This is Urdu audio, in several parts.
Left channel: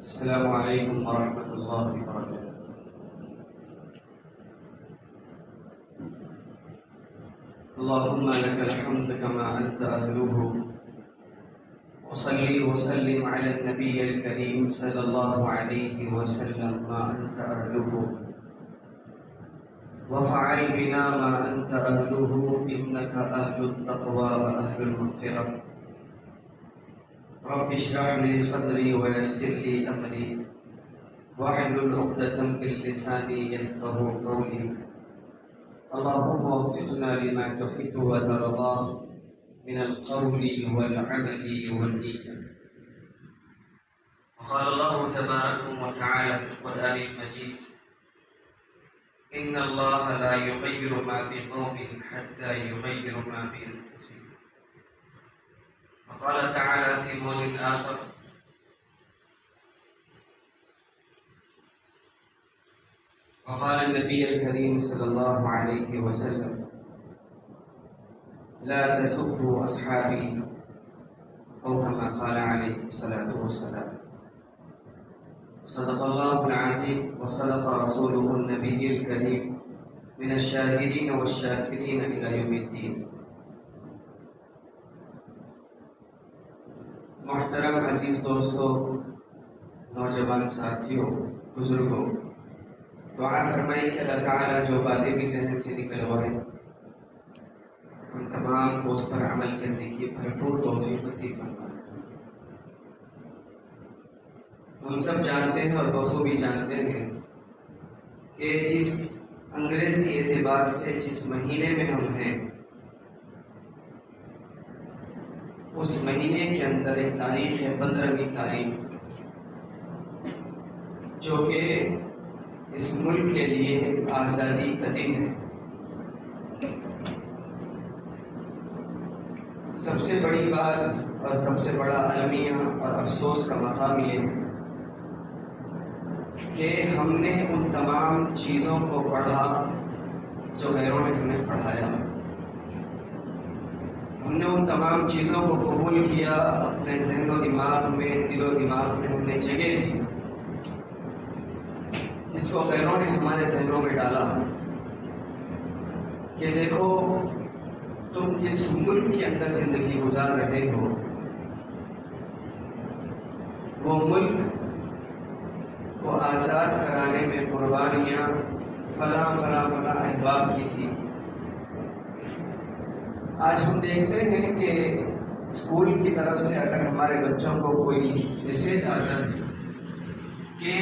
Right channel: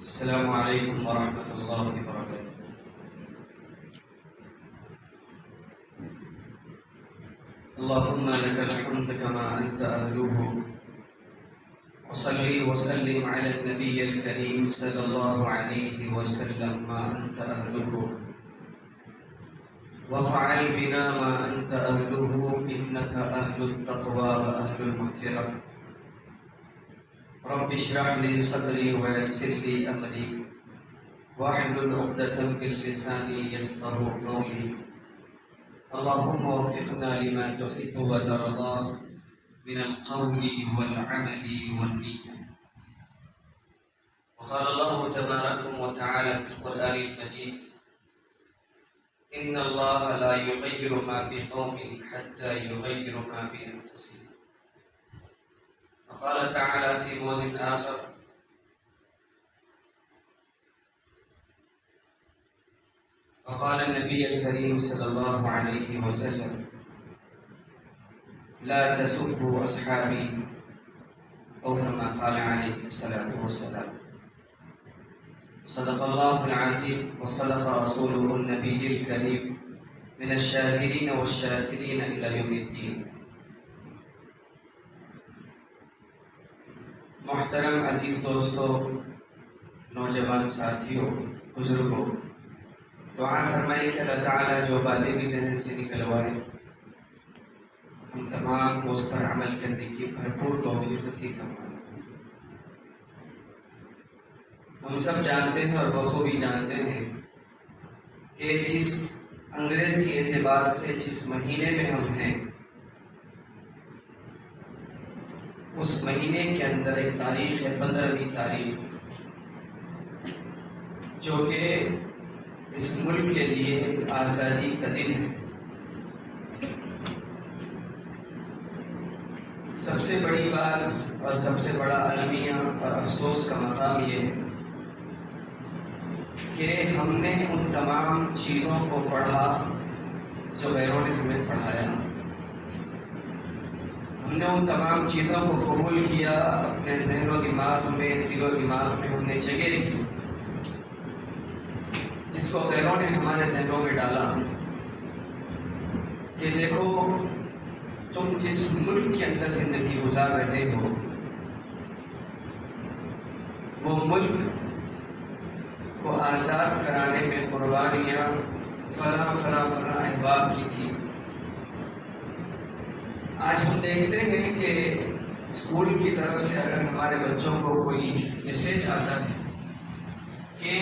السلام علیکم ورحمۃ اللہ وبرکاتہ۔ اللهم لك الحمد كما أنت أهله، وصلي وسلم على النبي الكريم صلى الله عليه وسلم ما أنت أهله، وفعل بنا ما أنت أهله إنك أهل التقوى وأهل المغفرة۔ رب اشرح لي صدري ويسر لي أمري واحلل عقدة من لساني يفقهوا قولي۔ اللهم وفقنا لما تحب وترضى من القول والعمل والنية۔ وقال الله تبارك وتعالى في القرآن المجيد: إن الله لا يغير ما بقوم حتى يغيروا ما بأنفسهم۔ وقال تعالى في موضع آخر: وقال النبي الكريم صلى الله عليه وسلم: لا تسبوا أصحابي، أو كما قال عليه الصلاة والسلام۔ صدق الله العظيم وصدق رسوله النبي الكريم من الشاهدين والشاكرين إلى يوم الدين۔ محترم عزیز دوستو، نوجوان ساتھیوں، بزرگوں، دعا فرمائیے کہ اللہ تعالیٰ جو باتیں بھی ذہن سے نکلوائے ہم تمام کو اس پر عمل کرنے کی بھرپور توفیق نصیب فرمائے۔ ہم سب جانتے ہیں اور بخوبی جانتے ہیں کہ جس انگریزی اعتبار سے جس مہینے میں ہم ہیں، اس مہینے کے اندر ایک تاریخ ہے 15ویں تاریخ، جو کہ اس ملک کے لیے ایک آزادی کا دن ہے۔ سب سے بڑی بات اور سب سے بڑا المیہ اور افسوس کا مقام یہ ہے کہ ہم نے ان تمام چیزوں کو پڑھا جو غیروں نے ہمیں پڑھایا، ہم نے ان تمام چیزوں کو قبول کیا، اپنے ذہن و دماغ میں، دل و دماغ میں ہم نے جگہ دی، جس کو غیروں نے ہمارے ذہنوں میں ڈالا کہ دیکھو تم جس ملک کے اندر زندگی گزار رہے ہو، وہ ملک کو آزاد کرانے میں قربانیاں فلاں فلاں فلاں احباب کی تھی۔ آج ہم دیکھتے ہیں کہ اسکول کی طرف سے اگر ہمارے بچوں کو کوئی میسیج آتا ہے کہ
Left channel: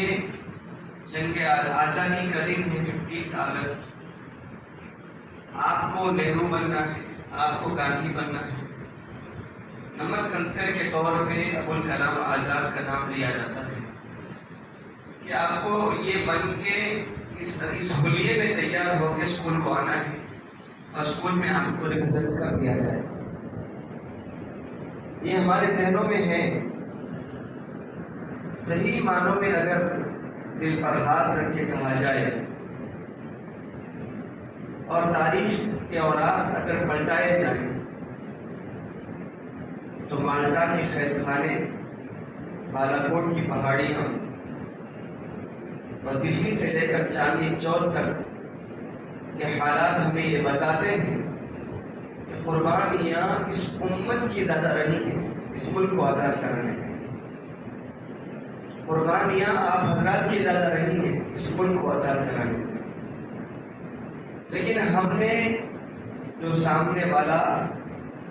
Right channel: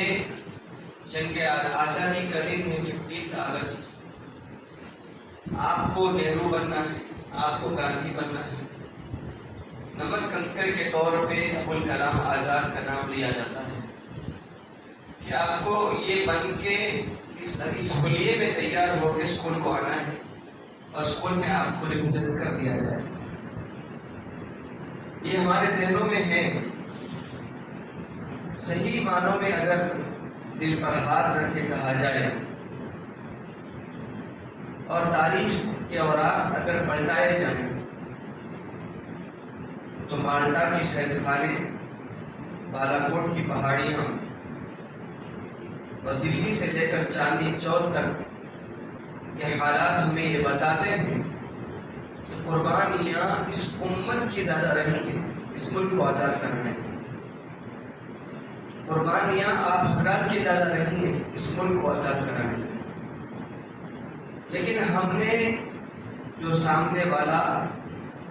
جنگ آزادی کا دن ہے 15 اگست، آپ کو نہرو بننا ہے، آپ کو گاندھی بننا ہے، نمک کنکر کے طور پہ ابوالکلام آزاد کا نام لیا جاتا ہے کہ آپ کو یہ بن کے اس حلیے میں تیار ہو کے اسکول کو آنا ہے اور اسکول میں آپ کو ریپرزینٹ کر دیا جائے۔ یہ ہمارے ذہنوں میں ہے۔ صحیح معنوں میں اگر دل پر ہاتھ رکھ کے کہا جائے اور تاریخ کے اوراق اگر پلٹائے جائیں تو مالٹا کے قید خانے، بالا کوٹ کی پہاڑیاں اور دلی سے لے کر چاندنی چوک تک کہ حالات ہمیں یہ بتاتے ہیں کہ قربانیاں اس امت کی زیادہ رہی ہیں اس ملک کو آزاد کرنے میں، قربانیاں آپ حضرات کی زیادہ رہی ہیں اس ملک کو آزاد کرانے میں۔ لیکن ہم نے جو سامنے والا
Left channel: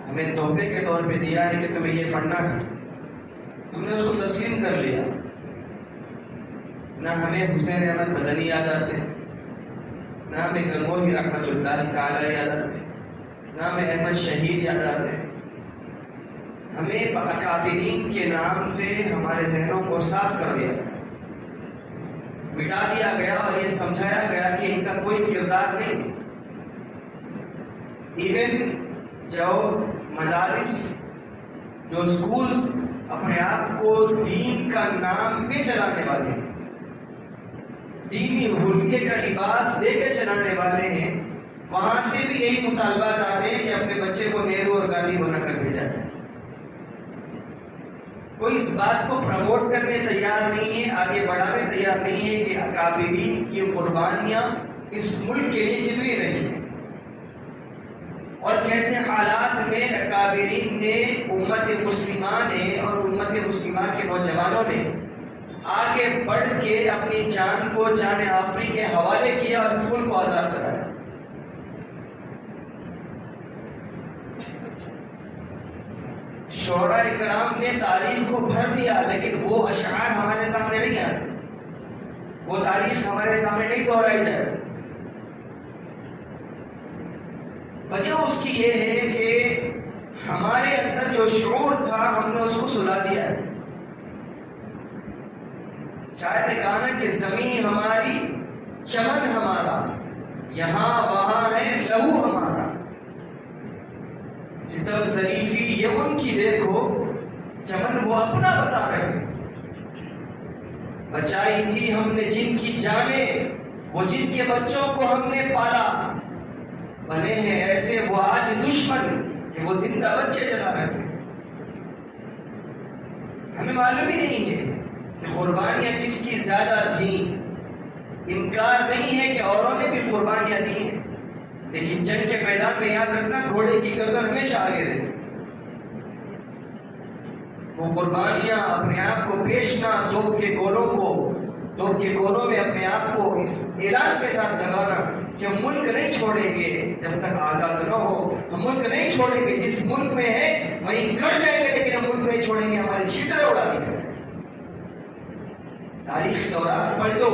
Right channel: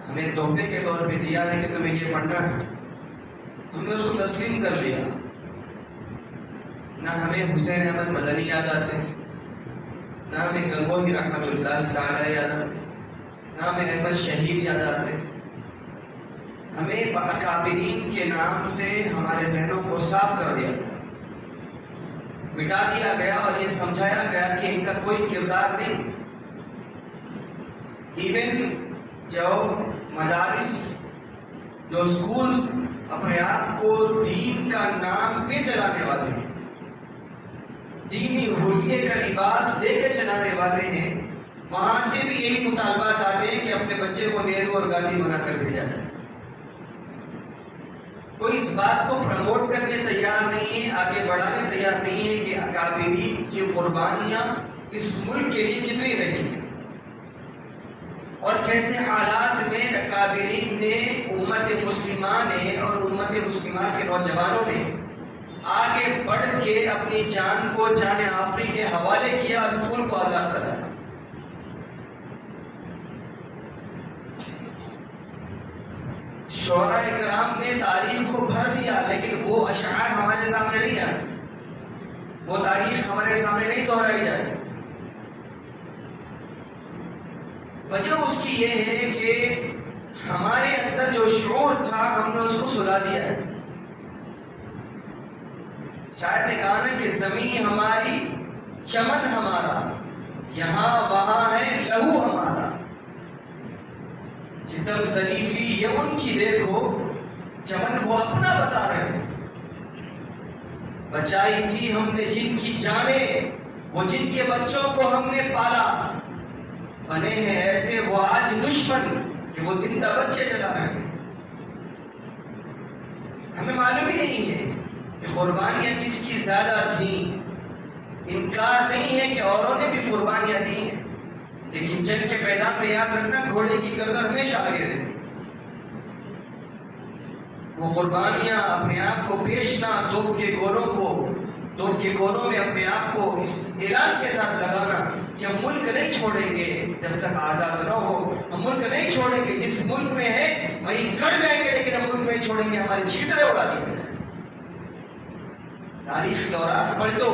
ہمیں تحفے کے طور پہ دیا ہے کہ تمہیں یہ پڑھنا ہے، ہم نے اس کو تسلیم کر لیا۔ نہ ہمیں حسین احمد مدنی یاد آتے ہیں، نہ ہمیں گنگوہی رحمۃ اللہ تعالی یاد آتے ہیں، نہ ہمیں احمد شہید یاد آتے ہیں۔ ہمیں اکابرین کے نام سے ہمارے ذہنوں کو صاف کر دیا گیا، مٹا دیا گیا اور یہ سمجھایا گیا کہ ان کا کوئی کردار نہیں۔ ایون جو مدارس، جو اسکولز اپنے آپ کو دین کا نام پہ چلانے والے ہیں، دینی حلیے کا لباس دے کے چلانے والے ہیں، وہاں سے بھی یہی مطالبات آتے ہیں کہ اپنے بچے کو نہرو اور گاندھی بنا کر بھیجا جائے۔ کوئی اس بات کو پروموٹ کرنے تیار نہیں ہے آگے بڑھانے تیار نہیں ہے کہ اکابرین کی قربانیاں اس ملک کے لیے کتنی رہی ہیں اور کیسے حالات میں اکابرین نے امت مسلمہ نے اور امت مسلمہ کے نوجوانوں نے آگے بڑھ کے اپنی جان کو جان آفری کے حوالے کیا اور اس ملک کو آزاد کرایا. شعراء کرام نے تاریخ کو بھر دیا لیکن وہ اشعار ہمارے سامنے نہیں آتے, وہ تاریخ ہمارے سامنے نہیں دہرائی جاتی. وجہ اس کی یہ ہے کہ ہمارے اندر جو شعور تھا ہم نے اس کو سلا دیا ہے. شاعر نے کہا نا کہ زمین ہماری چمن ہمارا یہاں وہاں ہے لہو ہمارا. ستم ظریفی یہ ان کی دیکھو چمن وہ اپنا بتا رہے. بچائی تھی ہم نے جن کی جانیں وہ جن کے بچوں کو ہم نے پالا. بنے ہیں ایسے وہ آج دشمن کہ وہ زندہ بچے جلا رہے ہیں. ہمیں معلوم ہی نہیں ہے کہ قربانیاں کس کی زیادہ تھیں. انکار نہیں ہے کہ اوروں نے بھی قربانیاں دی ہیں لیکن جنگ کے میدان میں یاد رکھنا گھوڑے کی گردن ہمیشہ آگے رہتی. وہ قربانیاں اپنے آپ کو بیچنا, توپ کے گولوں میں اپنے آپ کو اس اعلان کے ساتھ لگانا کہ ہم ملک نہیں چھوڑیں گے جب تک آزاد نہ ہو. ہم ملک نہیں چھوڑیں گے, جس ملک میں ہے وہیں کٹ جائیں گے لیکن ہم ملک نہیں چھوڑیں گے, ہماری چھیتریں اڑا دی جائیں. تاریخ کے اوراق پلٹو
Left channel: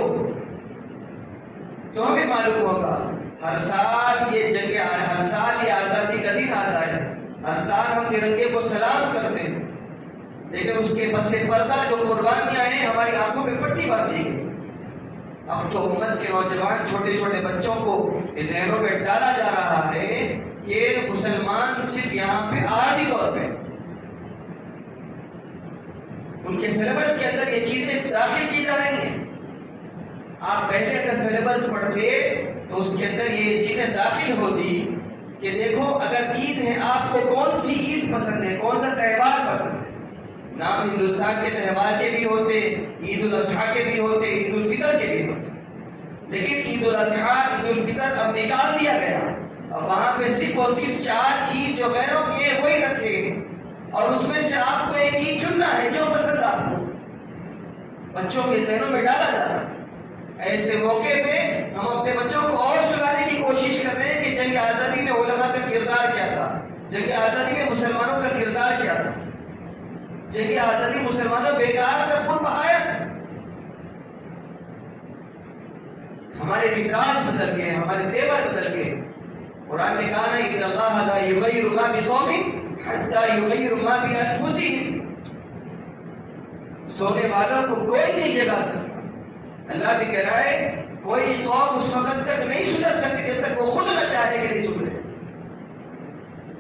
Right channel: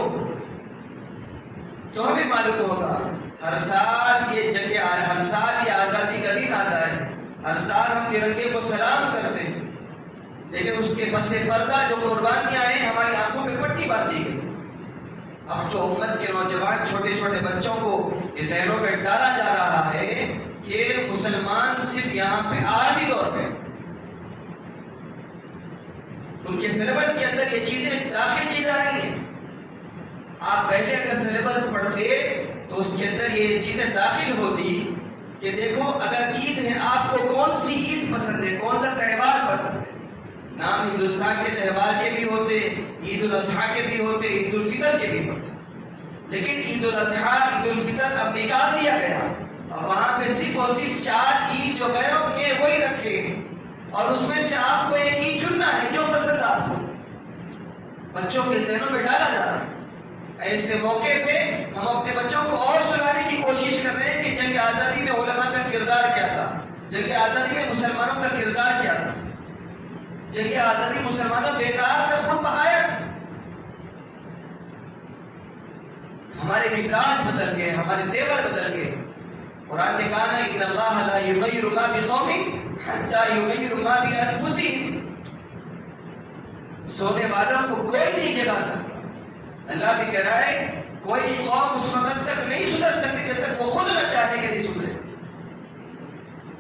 تو ہمیں معلوم ہوگا. ہر سال یہ آزادی کا دن آتا ہے, ہر سال ہم ترنگے کو سلام کرتے ہیں لیکن اس کے پس پردہ جو قربانیاں ہیں ہماری آنکھوں پہ پٹی باندھی گئی. اب تو امت کے نوجوان چھوٹے چھوٹے بچوں کو اس ذہنوں میں ڈالا جا رہا ہے کہ مسلمان صرف یہاں پہ عارضی طور پہ, ان کے سلیبس کے اندر یہ چیزیں داخل کی جا رہی ہیں. آپ پہلے اگر سلیبس پڑھتے تو اس کے اندر یہ چیزیں داخل ہوتی کہ دیکھو اگر عید ہے آپ کو کون سی عید پسند ہے, کون سا تہوار پسند ہے. نام ہندوستان کے تہوار کے بھی ہوتے, عید الاضحیٰ کے بھی ہوتے, عید الفطر کے بھی ہوتے, لیکن عید الاضحیٰ عید الفطر اب نکال دیا گیا اور وہاں پہ صرف اور صرف 4 عید جو غیروں کے وہی رکھے اور اس میں سے آپ کو ایک عید چننا ہے جو پسند آپ کو. بچوں کے ذہنوں میں ڈالا جا رہا ہے. ایسے موقع پہ ہم اپنے بچوں کو اور سلانے کی کوشش کر رہے ہیں کہ جنگ آزادی میں علماء کا کردار کیا تھا, جنگ آزادی میں مسلمانوں کا کردار کیا تھا. جنگ آزادی مسلمانوں بیکار کا خون بہایا تھا. ہمارے مزاج بدل گئے, ہمارے تیور بدل گئے. قرآن نے کہا نا ان اللہ لا یغیر ما بقوم حتی یغیر ما بانفسہم. سونے والوں کو کوئی نہیں جگا سکتا. اللہ بھی کہہ رہا ہے کوئی قوم اس وقت تک نہیں سدھر سکتی جب تک وہ خود نہ چاہے کہ نہیں سدھرے.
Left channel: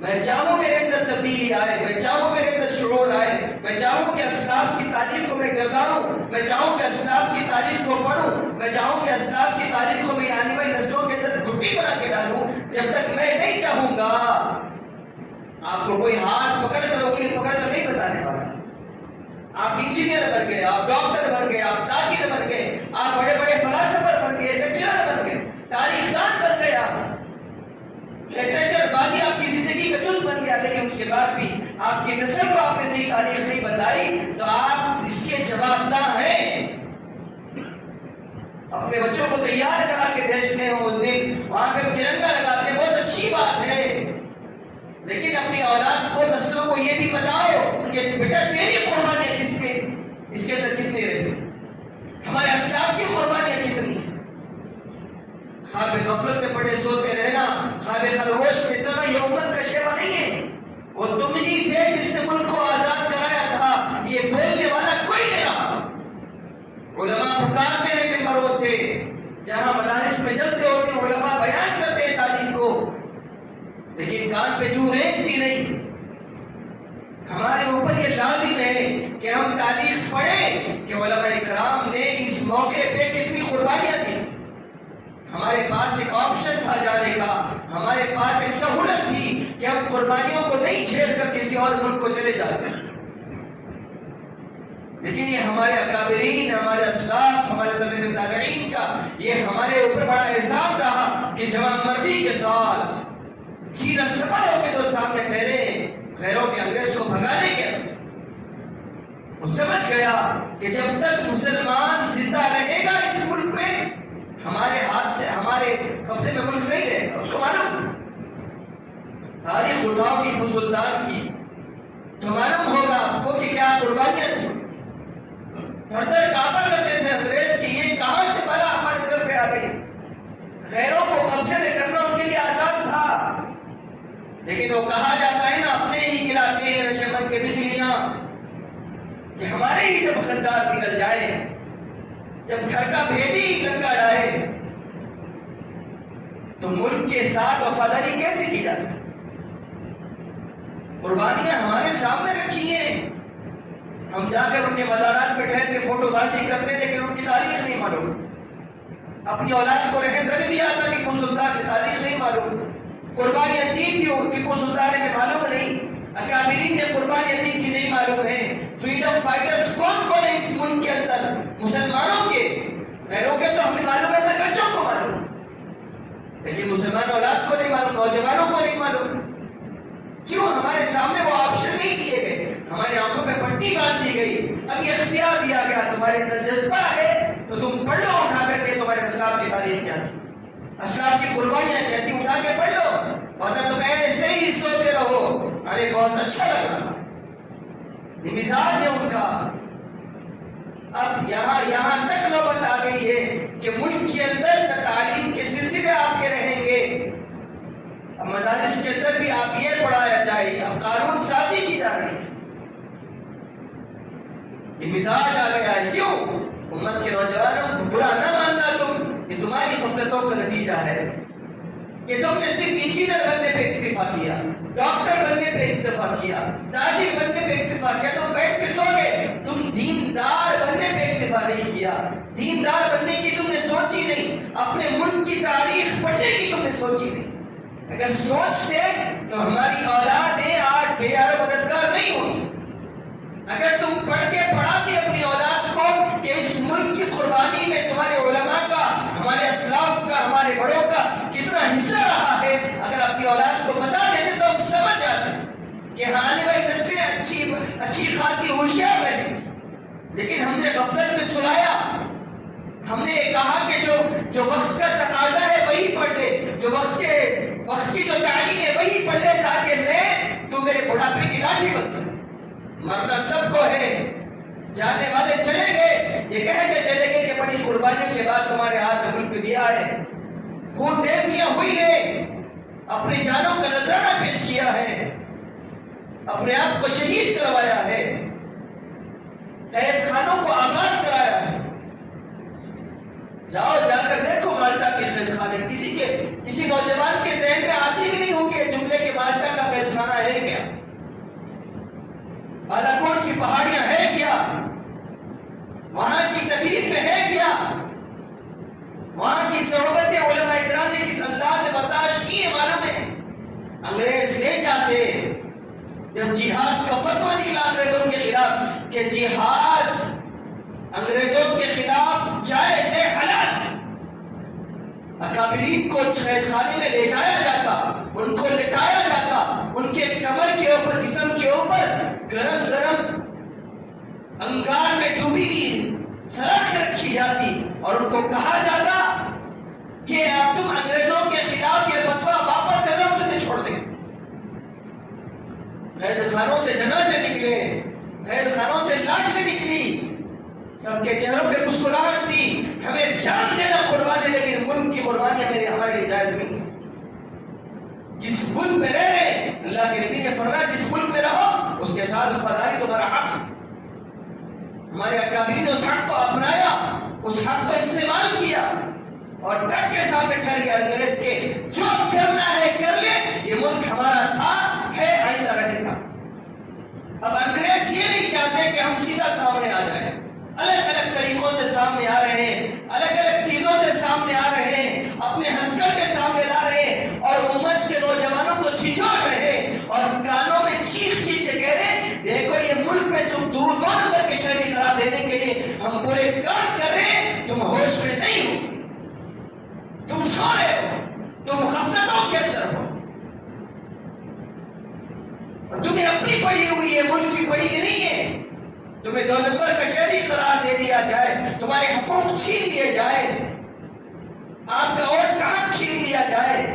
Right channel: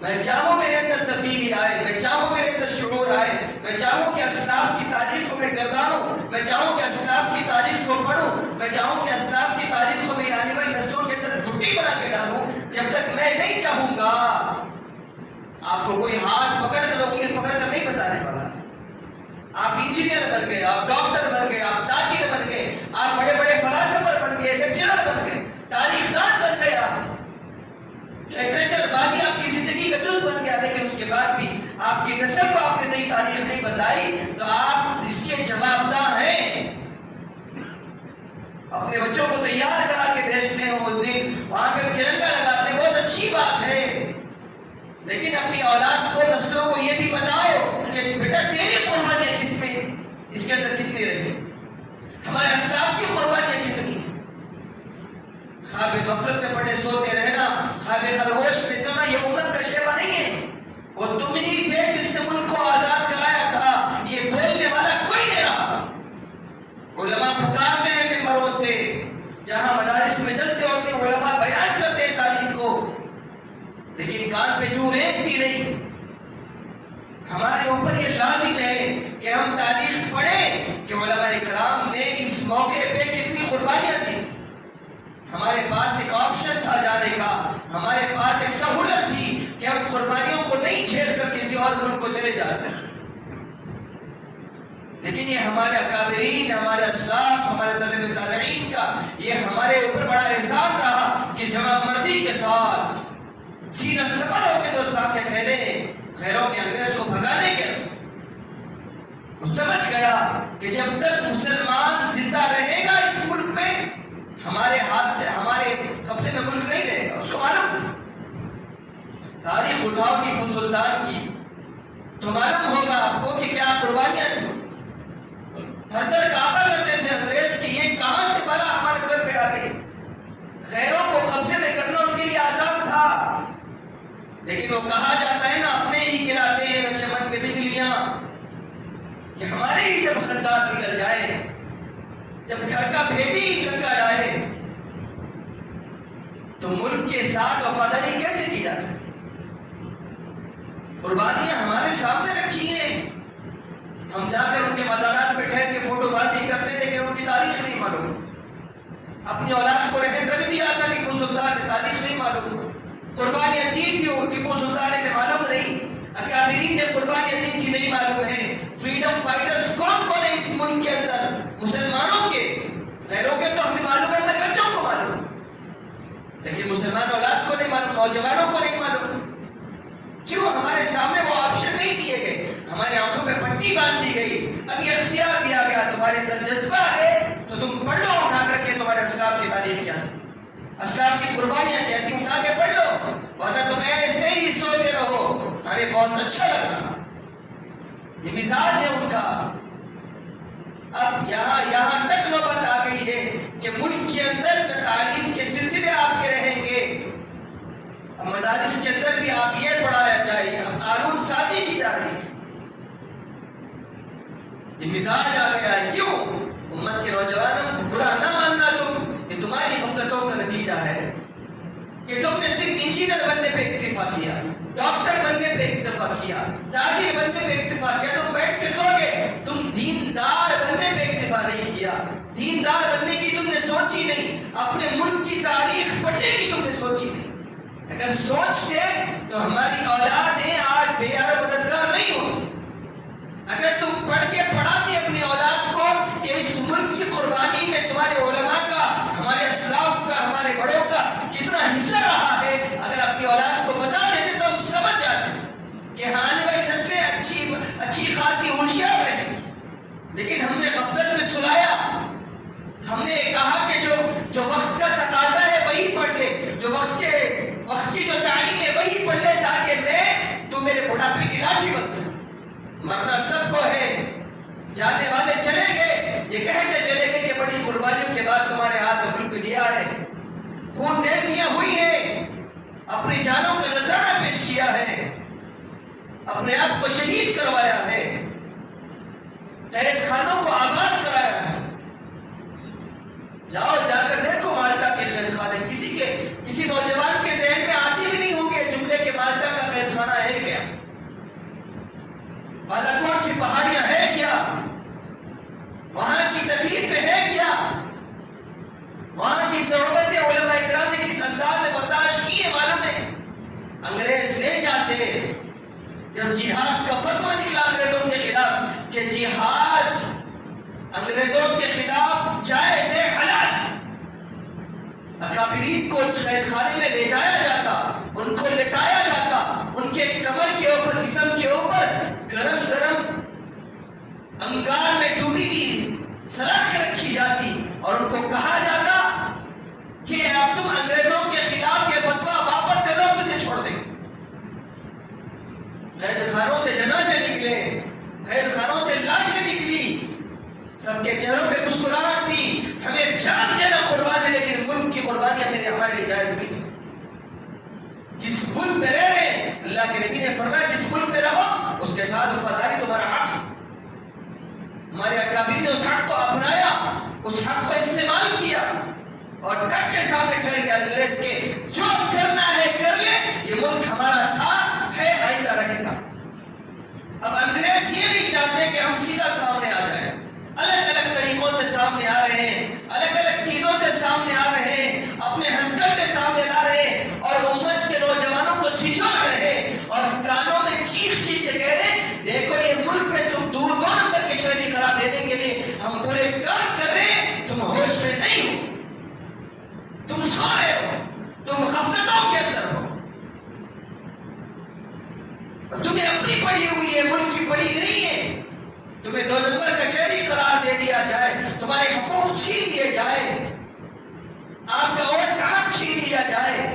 میں چاہوں میرے اندر تبدیلی آئے, میں چاہوں میرے اندر شعور آئے, میں چاہوں کہ اسلاف کی تاریخ کو میں گردانوں, میں چاہوں کہ اسلاف کی تاریخ کو پڑھوں, میں چاہوں کہ اسلاف کی تاریخ کو میری آنے والی نسلوں کے اندر گھٹی بنا کے ڈالوں. جب تک میں نہیں چاہوں گا آپ کو کوئی ہاتھ پکڑ کر انگلی پکڑ کر نہیں بتانے والا. آپ انجینئر بن گئے, آپ ڈاکٹر بن گئے, آپ تاجر بن گئے, آپ بڑے بڑے فلاسفر بن گئے, لیکچرر بن گئے, تاریخ دان بن گئے, آپ لٹریچر بازی آپ کی زندگی کا جز بن گیا, لیکن اس کے بعد بھی آپ کی نسل کو آپ نے صحیح تاریخ نہیں بتائی تو آپ اس کے جوابدہ ہیں. اپنے بچوں کو تیار کرا کے بھیجتے ہیں اس دن, وہاں پہ ترنگا لگاتے ہیں, بہت اچھی بات ہے, لیکن اپنی اولاد کو نسلوں کو یہ بھی بتاؤ کہ بیٹا تیری قربانیاں کس میں اس کے اندر کتنی رہی, ہمارے اسلاف کی قربانیاں کتنی. خواب غفلت میں پڑے سوتے رہنا, خواب خرگوش میں سونا یہ امت کا شیوا نہیں ہے. وہ تم ہی تھے جس نے ملک کو آزاد کرایا تھا, یہ بولنے والا کوئی نہیں رہا. علماء پکارتے ہیں ممبروں سے, جہاں مدارس میں جلسے ہوتے ہیں علماء بیان کرتے ہیں تاریخ کو, لیکن کان پہ چور ایکتی نہیں. ہمارے اوپر یہ لازم ہے کہ ہم تاریخ پڑھیں کہ علماء کرام نے اس موقع پہ کتنی قربانیاں دی تھی. ہمارے پاس ایک آپشن تھا جانے کا, ہمارے پاس ایک سہولت تھی کہ ہم قربانیوں کو نہیں چھیڑ کر کسی اور ملک کو چلے جاتے ہیں, لیکن یہ ہمارے اکابرین، ہمارے اسلاف، ہمارے سلف صالحین کا یہ ہمارے اوپر بڑا احسان رہا کہ جمع مردی کے ساتھ سینہ سپر ہو کے جو سامنے ٹھہرے غیروں کے انگریز کو بھگانے کے وہ سمجھ گیا کہ جب تک مسلمان زندہ رہے گا اس ملک میں ہمارے ہاتھ سے، ہمارے قبضے میں ملک نہیں رہے گا۔ اس کو معلوم تھا، تاریخ اٹھاؤ ٹیپو سلطان کی تو معلوم ہوگا آپ کو کہ کیا قربانیاں تھیں۔ تھر تھر کانپا کرتے تھے انگریز کی یہ کہاں سے بلا ہمارے سر پہ آ گئی۔ غیروں کو قبضے میں کرنا ان کے لیے آسان تھا، لیکن وہ کہا جاتا ہے نا اپنے ہی گراتے ہیں چمن کے بجلیاں، کہ ہمارے ہی جب خدار نکل جائے، جب گھر کا بھیدی لڑکا ڈالے تو ملک کے ساتھ وفاداری کیسے کی جا سکتی؟ قربانیاں ہمارے سامنے رکھی ہیں، ہم جا کر ان کے مزارات پہ ٹھہر کے فوٹو بازی کرتے ہیں لیکن ان کی تاریخ نہیں معلوم۔ اپنی اولاد کو رہن رکھ دیا تھا ٹیپو سلطان نے، تاریخ نہیں معلوم۔ قربانیاں دی تھی ٹیپو سلطان نے معلوم نہیں، اکابرین نے قربانیاں دی تھی نہیں معلوم ہے۔ فریڈم فائٹرز کون کون ہے اس ملک کے اندر؟ مسلمانوں کے، غیروں کے تو ہمیں معلوم ہے، ہمارے بچوں کو معلوم، لیکن مسلمان اولاد کو نہیں معلوم، نوجوانوں کو نہیں معلوم۔ کیوں؟ ہمارے سامنے وہ آپشن نہیں دیے گئے، ہماری آنکھوں پہ پٹی باندھ دی گئی۔ اب یہ اختیار دیا گیا تمہارے اندر جذبہ ہے تو تم پڑھ لو اٹھا کر کے تمہارے اسلاف کی تاریخ کیا تھی، اسلاف کی قربانیاں کیا تھی، اٹھا کے پڑھ لو، ورنہ تم ایسے ہی سوتے رہو ہمیں بہت اچھا لگ رہا۔ یہ مزاج ہے ان کا۔ اب یہاں تک نوبت آ گئی ہے کہ ملک کے اندر تعلیم کے سلسلے آپ کے رہیں گے، اب مدارس کے اندر بھی آپ یہ پڑھایا جائے گا، قانون سازی کی جا رہی ہے۔ یہ مزاج آ گیا ہے۔ کیوں؟ امت کے نوجوانوں برا نہ ماننا تم، یہ تمہاری غفلتوں کا نتیجہ ہے کہ تم نے صرف انجینئر بننے پہ اکتفا کیا، ڈاکٹر بننے پہ اکتفا کیا، تاجر بننے پہ اکتفا کیا، تم بیٹھ کے سو گئے۔ تم دیندار بننے پہ اکتفا نہیں کیا، دیندار بننے کی تم نے سوچی نہیں، اپنے ملک کی تاریخ پڑھنے کی تم نے سوچی نہیں۔ اگر سوچتے تو ہماری اولادیں آج بے یار مددگار نہیں ہوتی۔ اگر تم پڑھ کے پڑھاتے اپنی اولاد کو کہ اس ملک کی قربانی میں تمہارے علماء کا، ہمارے اسلاف کا، ہمارے بڑوں کا کتنا حصہ رہا ہے، اگر اپنی اولاد کو بتا دیتے تو ہم سمجھ جاتے کہ ہاں آنے والی نسلیں اچھی خاصی ہوشیار رہیں۔ لیکن ہم نے غفلت میں سلایا، ہم نے کہا کہ جو وقت کا تقاضا ہے وہی پڑھ لے، جو وقت کی جو تعلیم ہے وہی پڑھ لے تاکہ تو میرے بڑھاپے کی لاٹھی بن سکے۔ مرنا سب کو ہے، جانے والے چلے گئے، یہ کہتے چلے گئے کہ بڑی قربانیوں کے بعد تمہارے ہاتھ ملک دیا ہے، خون ریزیاں ہوئی ہے، اپنی جانوں کا نذرانہ پیش کیا ہے، اپنے آپ کو شہید کروایا ہے، قید خانوں کو آباد کرایا ہے۔ جاؤ جا کر دیکھو مالٹا کے قید خانے، کسی نوجوان کے ذہن میں آتی بھی نہیں ہوں گے جملے کہ مالٹا کا قید خانہ ہے کیا، بالاکوٹ کی پہاڑیاں ہے کیا، وہاں کی تکلیفیں ہے کیا، وہاں کی صحبت علماء اکرام نے کس انداز سے برداشت کی ہے معلوم ہے۔ انگریز لے جاتے، جب جہاد کا فتویٰ نکلا انگریزوں کے خلاف کہ جہاد انگریزوں کے خلاف جائز ہے، حلال ہے، اکابرین کو قید خانے میں لے جایا جاتا، ان کو لٹایا جاتا، ان کے کمر کے اوپر، جسم کے اوپر گرم گرم انگار میں ڈوبی ہوئی سلاخیں رکھی جاتی اور ان کو کہا جاتا کہ اب تم انگریزوں کے خلاف یہ فتویٰ واپس لے لو، ہم تمہیں چھوڑ دیں۔ قید خانوں سے جنازے نکلے، قید خانوں سے لاشیں نکلی، سب کے چہروں پہ مسکراہٹ تھی، ہمیں جان دینا قربانی، لیکن ملک کی قربانیاں ہمارے لیے جائز نہیں۔ جس ملک میں رہ رہے، اللہ کے نبی نے فرمایا جس ملک میں رہو اس کے ساتھ وفاداری تمہارا حق ہے۔ ہمارے اکابرین نے اس حق کو اپنایا، اس حق کو استعمال کیا اور ڈٹ کے سامنے کر گیا انگریز کے جو کرنا ہے کر لے، یہ ملک ہمارا تھا، ہے، آئندہ رہے گا۔ اب انگریز یہ نہیں چاہتے کہ ہم سیدھا سامنے آ جائیں، الگ الگ طریقوں سے سامنے آ رہے ہیں، الگ الگ چیزوں سے سامنے آ رہے ہیں، اپنے ہتھکڑے سامنے لا رہے ہیں اور امت کے نوجوانوں کو جھنجھوڑ رہے ہیں اور کانوں میں چیخ چیخ کے کہہ رہے ہیں دیکھو یہ ملک میں تم دو نمبر کے شہری قرار تم ہوش میں نہیں ہو، تم سو رہے ہو، تم غفلتوں کے اندر ہو، تمہیں اپنی پڑی ہوئی ہے، ملک کی پڑی نہیں ہے، تمہیں دولتور کا شہری قرار دے دیا جائے، تمہارے حقوق چھین لیے جائے، آپ کا ووٹ کا حق چھین لیا جائے،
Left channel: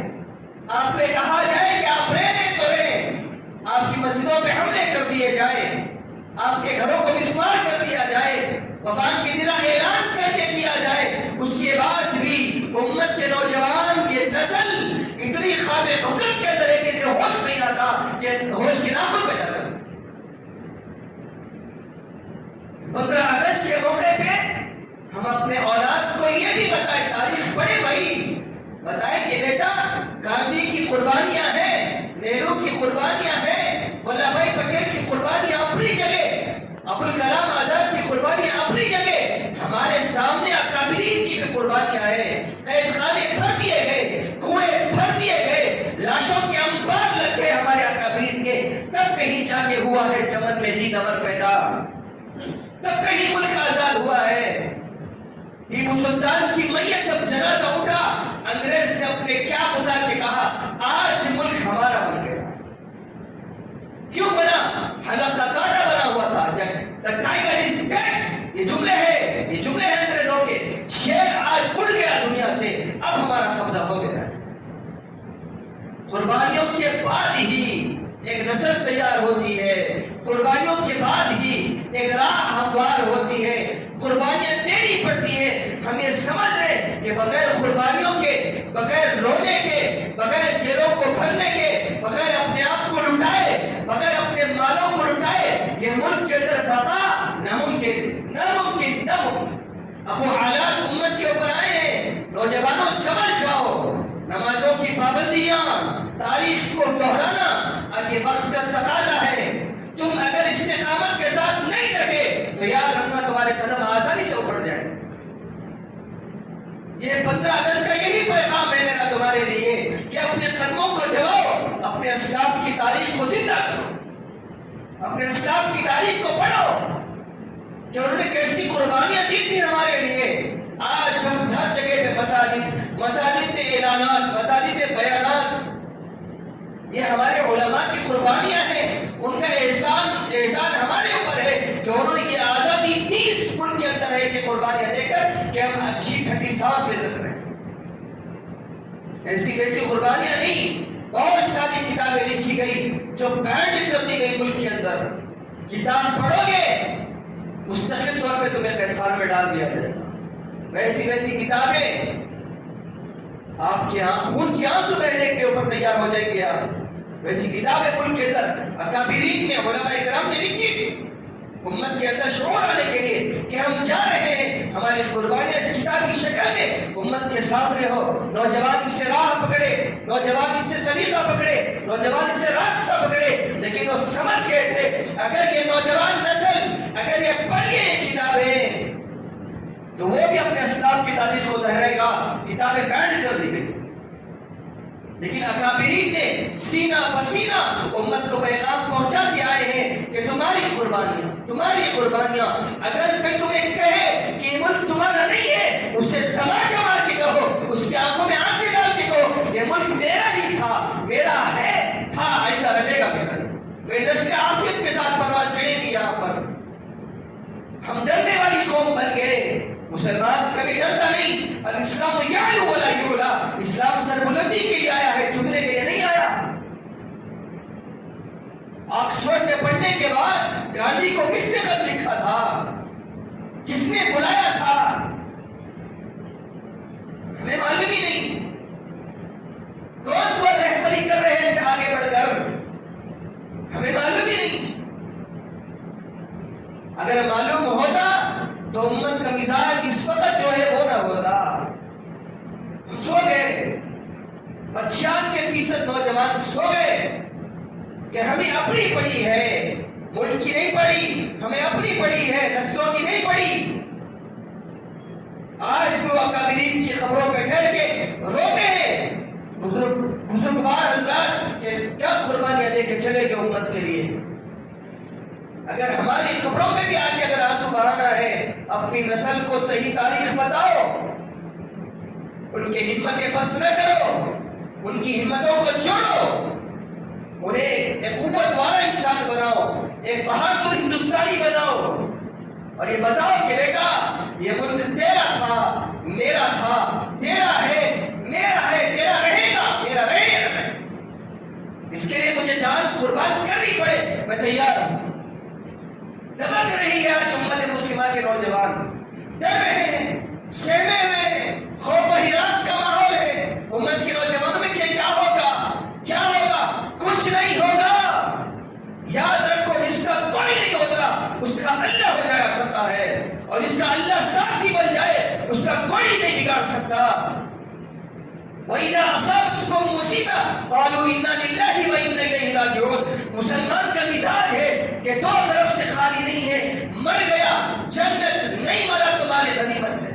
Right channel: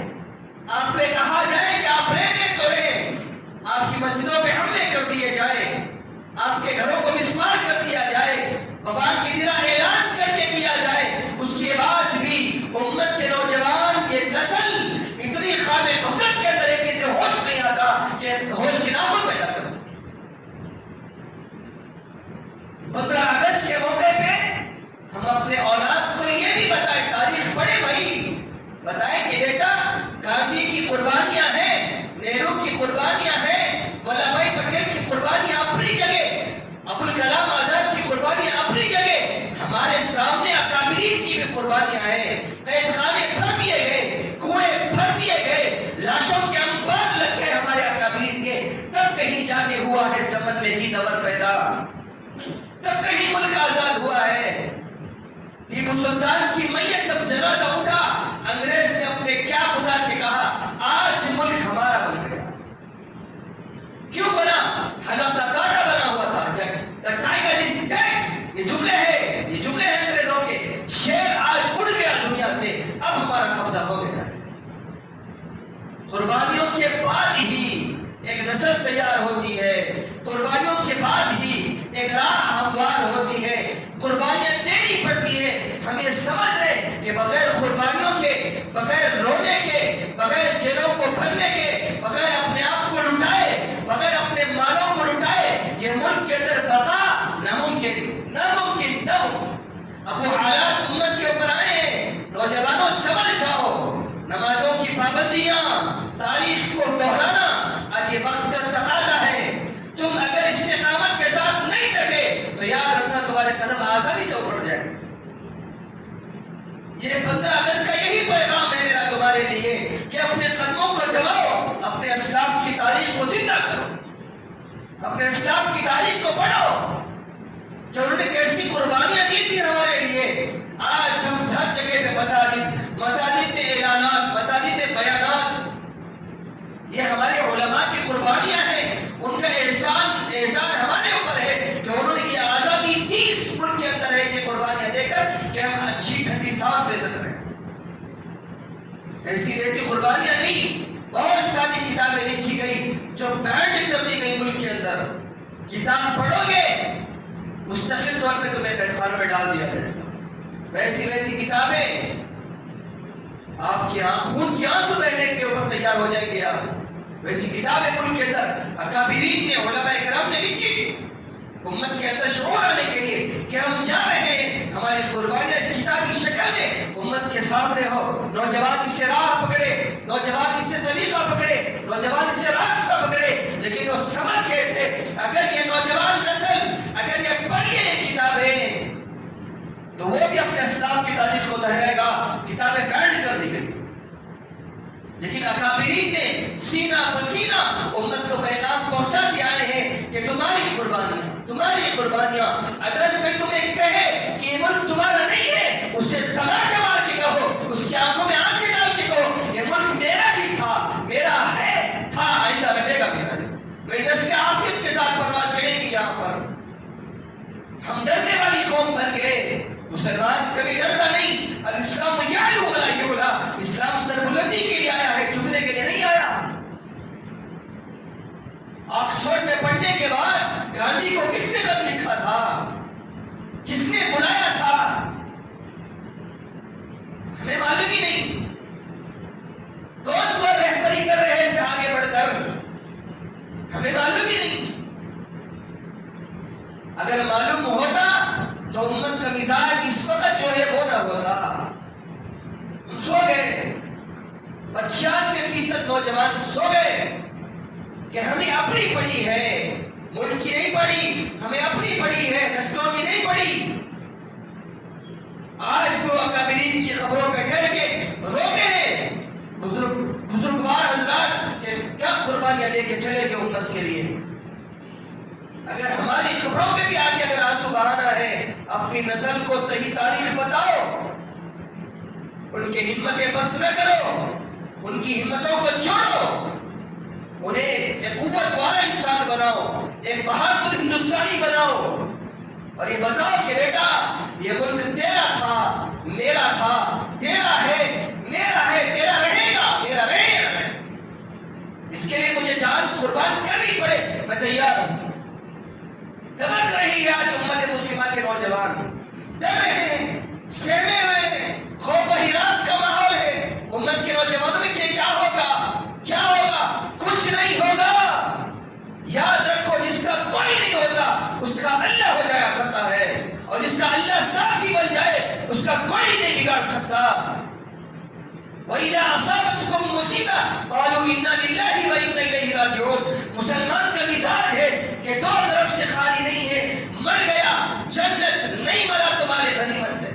آپ کو کہا جائے کہ آپ رہنے تو رہیں، آپ کی مسجدوں پہ حملے کر دیے جائے، آپ کے گھروں کو مسمار کر دیا جائے، وبا کی طرح اعلان کر کے کیا جائے، اس کے بعد بھی امت کے نوجوان یہ نسل اتنی خواب غفلت کے طریقے سے ہوش نہیں آتا کہ ہوش کے ناخن پیدا کر سکے۔ 15 اگست کے موقع پہ ہم اپنے اولاد کو یہ بھی بتائیں، تاریخ پڑھے بھائی، بتائیں کہ بیٹا گاندھی کی قربانیاں ہیں، نہرو کی قربانیاں ہیں، ولابھ بھائی پٹیل کی قربانیاں اپنی جگہ، ابوالکلام آزاد کی قربانیاں اپنی جگہ، ہمارے سامنے اکابرین کی بھی قربانیاں ہیں، قید خانے بھر دیے گئے، کنویں بھر دیے گئے، لاشوں کے انبار لگ گئے ہمارے اکابرین کے، تب کہیں جا کے ہوا ہے چمن میں جی دور پیدا، تب کہیں ملک آزاد ہوا ہے۔ ٹیپو سلطان کی میت جب جنازہ اٹھا، انگریز نے اپنے کیا بتا کے کہا آج ملک ہمارا بن گیا۔ کیوں بنا؟ حلب کا کانٹا بنا ہوا تھا، the tiger is dead، یہ جملے ہیں انگریزوں کے، شیر آج اڑ گیا دنیا سے، اب ہمارا قبضہ ہو گیا۔ قربانیوں کے بعد ہی ایک نسل تیار ہوتی ہے، قربانیوں کے بعد ہی ایک راہ ہموار ہوتی ہے، قربانیاں دینی پڑتی ہے۔ ہم یہ سمجھ لیں کہ بغیر قربانیوں کے، بغیر رونے کے، بغیر جیلوں کو بھرنے کے، بغیر اپنے آپ کو لٹائے، بغیر اپنے مالوں کو لٹائے، یہ ملک کے اندر بقا ناممکن۔ اب وہ حالات امت کے اوپر آئے، نوجوانوں سمجھ جاؤ، نمازوں کی پابندیاں، تاریخ کو دہرانا اب یہ وقت کا تقاضا ہے۔ تم اگر استقامت کے ساتھ نہیں ڈٹے تو یاد رکھنا تمہارے قدم آسانی سے اکھڑ جائیں۔ یہ 15 اگست کا یہی پیغام ہے میرا تمہارے لیے کہ اپنے قدموں کو جماؤ، اپنے اسلاف کی تاریخ کو زندہ کرو، اپنے اسلاف کی تاریخ کو پڑھو کہ انہوں نے کیسی قربانیاں دی تھی ہمارے لیے۔ آج ہم ہر جگہ پہ مساجد میں اعلانات، مساجد میں بیانات، یہ ہمارے علماء کی قربانیاں ہیں، ان کا احسان ہمارے اوپر ہے کہ انہوں نے یہ آزادی دی اس ملک کے اندر ہے کہ قربانیاں دے کر کہ ہم اچھی ٹھنڈی سانس لے سکتے ہیں۔ ایسی ویسی قربانیاں نہیں، بہت ساری کتابیں لکھی گئی جو بینڈ کر دی گئی ملک کے اندر۔ کتاب پڑھو گے مستقل طور پہ تمہیں قید خانوں میں ڈال دیا جائے گا۔ ویسی کتابیں آپ کے خون کی آنسو بہنے کے اوپر تیار ہو جائیں گے۔ آپ ویسی کتابیں ملک کے اندر اکابرین نے، علماء کرام نے لکھی تھی، امت کے اندر شعور آنے کے لیے کہ ہم جا رہے ہیں، ہماری قربانیاں اس کتابی شکل میں امت کے سامنے ہو۔ نوجوان اس سے راہ پکڑے، نوجوان اس سے سلیقہ پکڑے، نوجوان اس سے راستہ پکڑے، لیکن وہ سمجھ گئے تھے اگر یہ نوجوان نسل اگر یہ پڑھے یہ کتابیں تو وہ بھی اپنے اسلاف کی تاریخ کو دہرائے گا۔ کتابیں بینڈ کر دی گئی، لیکن اکابرین نے سینہ پسینہ امت کو پیغام پہنچاتے آئے ہیں کہ تمہاری قربانیاں اگر کوئی تمہیں کہے کہ یہ ملک تمہارا نہیں ہے، اسے تماچا مار کے کہو، اس کی آنکھوں میں آنکھیں ڈال کے کہو یہ ملک میرا ہی تھا، میرا ہے، تھا، آئندہ رہے گا میرا نہیں۔ میری نسل عافیت کے ساتھ پروان چڑھے گی۔ یہاں پر ہم ڈرنے والی قوم بن گئے۔ مسلمان کبھی ڈرتا نہیں، الاسلام یعلو ولا یعلا، اسلام سربلندی کے لیے آیا ہے، جھکنے کے لیے نہیں آیا۔ آکسفورڈ میں پڑھنے کے بعد گاندھی کو کس نے خط لکھا تھا، کس نے بلایا تھا، ہمیں معلوم ہی نہیں۔ کون رہبری کر رہے تھے آگے بڑھ کر، ہمیں معلوم ہی نہیں۔ اگر معلوم ہوتا تو امت کا مزاج اس وقت جو ہے وہ نہ ہوتا۔ ہم سو گئے، 95% نوجوان سو گئے کہ ہمیں اپنی پڑی ہے، ملک کی نہیں پڑی، ہمیں اپنی پڑی ہے، نسلوں کی نہیں پڑی۔ آج وہ اکابرین کی خبروں پہ ٹھہر کے روتے ہیں بزرگوار حضرات کہ کیا قربانیاں دے کے چلے گئے امت کے لیے۔ اگر ہماری خبروں پہ بھی آگے اگر آنسو بہانا ہے اپنی نسل کو صحیح تاریخ بتاؤ، ان کی ہمتیں پست نہ کرو، ان کی ہمتوں کو جوڑو، انہیں ایک قوت والا انسان بناؤ، ایک بہادر ہندوستانی بناؤ، اور یہ بتاؤ کہ بیٹا یہ ملک تیرا تھا، میرا تھا، تیرا ہے، میرا ہے، تیرا رہے گا، میرا رہے گا۔ اس کے لیے مجھے جان قربان کرنی پڑے، میں تیار ہوں۔ دبک رہی ہے آج امت مسلمہ کے نوجوان، ڈر رہے ہیں، سہمے ہوئے ہیں، خوف و ہراس کا ماحول ہے۔ امت کے نوجوانوں میں کیا ہوگا، کیا ہوگا؟ کچھ نہیں ہوگا۔ یاد رکھو، جس کا کوئی نہیں ہوتا اس کا اللہ ہو جایا کرتا ہے، اور جس کا اللہ ساتھی بن جائے اس کا کوئی نہیں بگاڑ سکتا۔ وَإِذَا أَصَابَتْكُم مُّصِيبَةٌ قَالُوا إِنَّا لِلَّهِ وَإِنَّا إِلَيْهِ رَاجِعُونَ۔ مسلمان کا مزاج ہے کہ دو طرف سے خالی نہیں ہے، مر گیا جنت، نہیں مرا تمہاری غنیمت ہے۔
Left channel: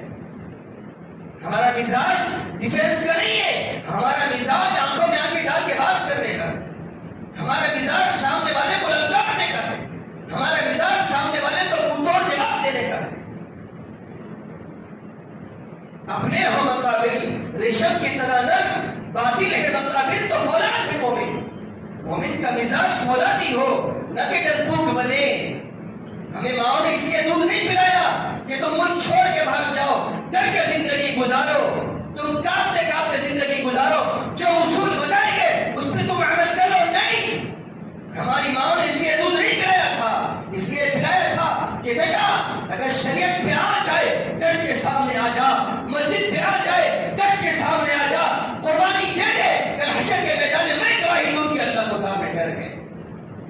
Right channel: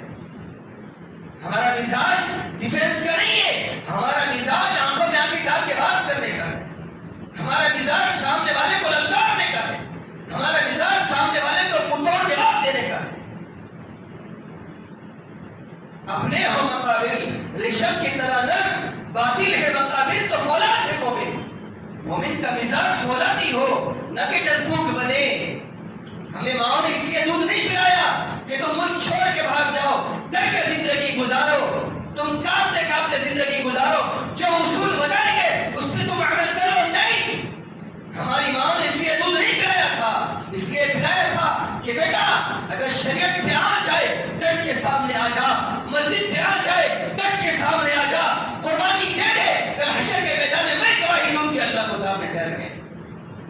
ہمارا مزاج ڈیفینس کا نہیں ہے، ہمارا مزاج آنکھوں میں آنکھیں ڈال کے بات کرنے کا ہے، ہمارا مزاج سامنے والے کو للکارنے کا ہے، ہمارا مزاج سامنے والے کو منہ توڑ جواب دینے کا ہے۔ اپنے ہو مقابل ریشم کی طرح نرم، باطل ہے مقابل تو فولاد ہے مومن۔ مومن کا مزاج فولادی ہو، نہ کہ ڈرپوک بنے۔ ہمیں ماؤں نے اس لیے دودھ نہیں پلایا کہ تم ملک چھوڑ کے بھاگ جاؤ، ڈر کے زندگی گزارو، تم کانپتے کانپتے زندگی گزارو، جو اصول بتائیں گے اس پہ تم عمل کرو۔ نہیں، ہماری ماں نے اس لیے دودھ نہیں پلایا تھا، اس لیے پلایا تھا کہ بیٹا اگر شریعت پہ آ جائے ڈٹ کے سامنے آ جا، مسجد پہ آ جائے ڈٹ کے سامنے آ جا، قربانی دے دے، کل حشر کے میدان میں میں گواہی دوں کہ اللہ کو سامنے ٹھہر گئے۔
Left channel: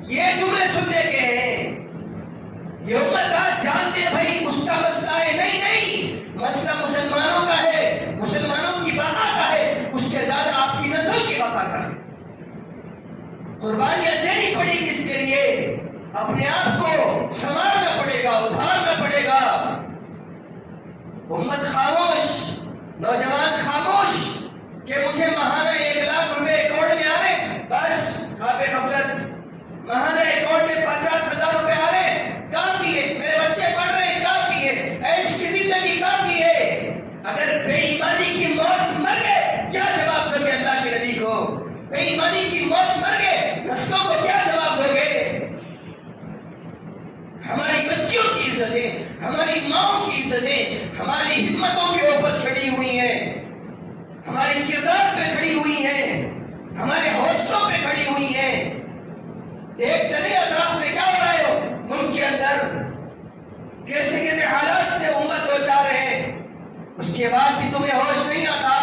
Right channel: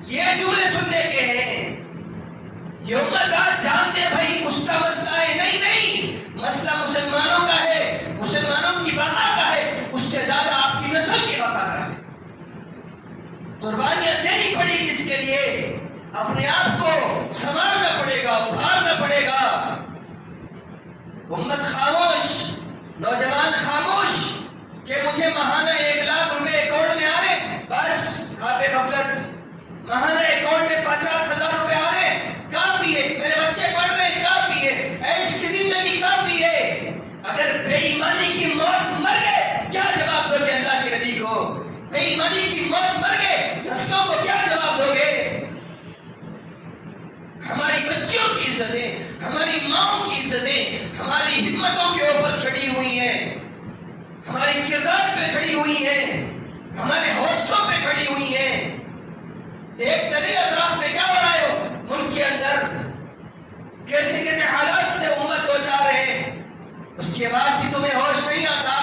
یہ جملے سننے کے ہیں۔ یہ امت آج جانتے بھائی اس کا مسئلہ ہے، نہیں نہیں، مسئلہ مسلمانوں کا ہے، مسلمانوں کی بقا کا ہے، اس سے زیادہ آپ کی نسل کی بقا کا ہے۔ قربانیاں دینی پڑے گی، اس کے لیے اپنے آپ کو سنوارنا پڑے گا، ابھارنا پڑے گا۔ امت خاموش، نوجوان خاموش کہ مجھے ماہانہ 1,00,000 روپے اکاؤنٹ میں آ رہے، بس خواب غفلت۔ ماہانہ اکاؤنٹ میں 50,000 روپے آ رہے، کافی ہے، میرے بچے پڑھ رہے ہیں، کافی ہے، عیش کی زندگی کافی ہے۔ اگر بے ایمانی کی موت مر گئے کیا جواب دو گے اللہ کے نبی کو؟ بے ایمانی کی موت مر گئے نسلوں کو کیا جواب دو گے؟ ہماری بچیوں کی عزتیں، ہماری ماں کی عزتیں ہماری ہمتوں کے اوپر کھڑی ہوئی ہیں، ہمارے کردار پہ کھڑی ہوئی ہیں، ہمارے حوصلوں پہ کھڑی ہوئی ہیں۔ ایک دریا اطراف میں کیا ہو رہا ہے ملک کے اندر، کیسے کیسے حالات سے امت دو چار ہے، اس کے بعد بھی تمہیں ہوش نہیں آتا،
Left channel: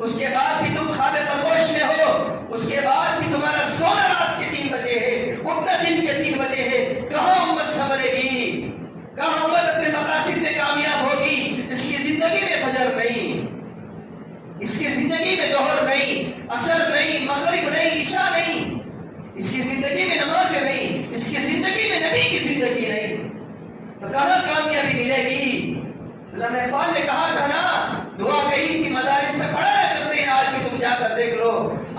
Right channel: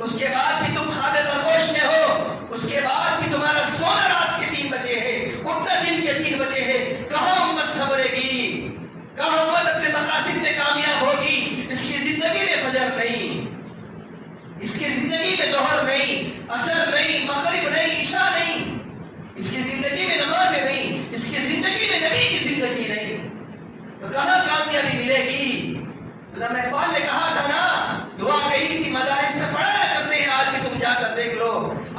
اس کے بعد بھی تم خواب خرگوش میں ہو، اس کے بعد بھی تمہارا سونا رات کے 3 بجے ہے، اٹھنا دن کے 3 بجے ہے۔ کہاں امت سنورے گی، کہاں امت اپنے مقاصد میں کامیاب ہوگی؟ اس کی زندگی میں فجر نہیں، اس کی زندگی میں ظہر نہیں، عصر نہیں، مغرب نہیں، عشاء نہیں، اس کی زندگی میں نماز نہیں، اس کی زندگی میں نبی کی زندگی نہیں، تو کہاں کامیابی ملے گی؟ علامہ اقبال نے کہا تھا نا، دعا کہی تھی مدارس میں پڑھایا کرتے ہیں، آج بھی تم جا کر دیکھ لو،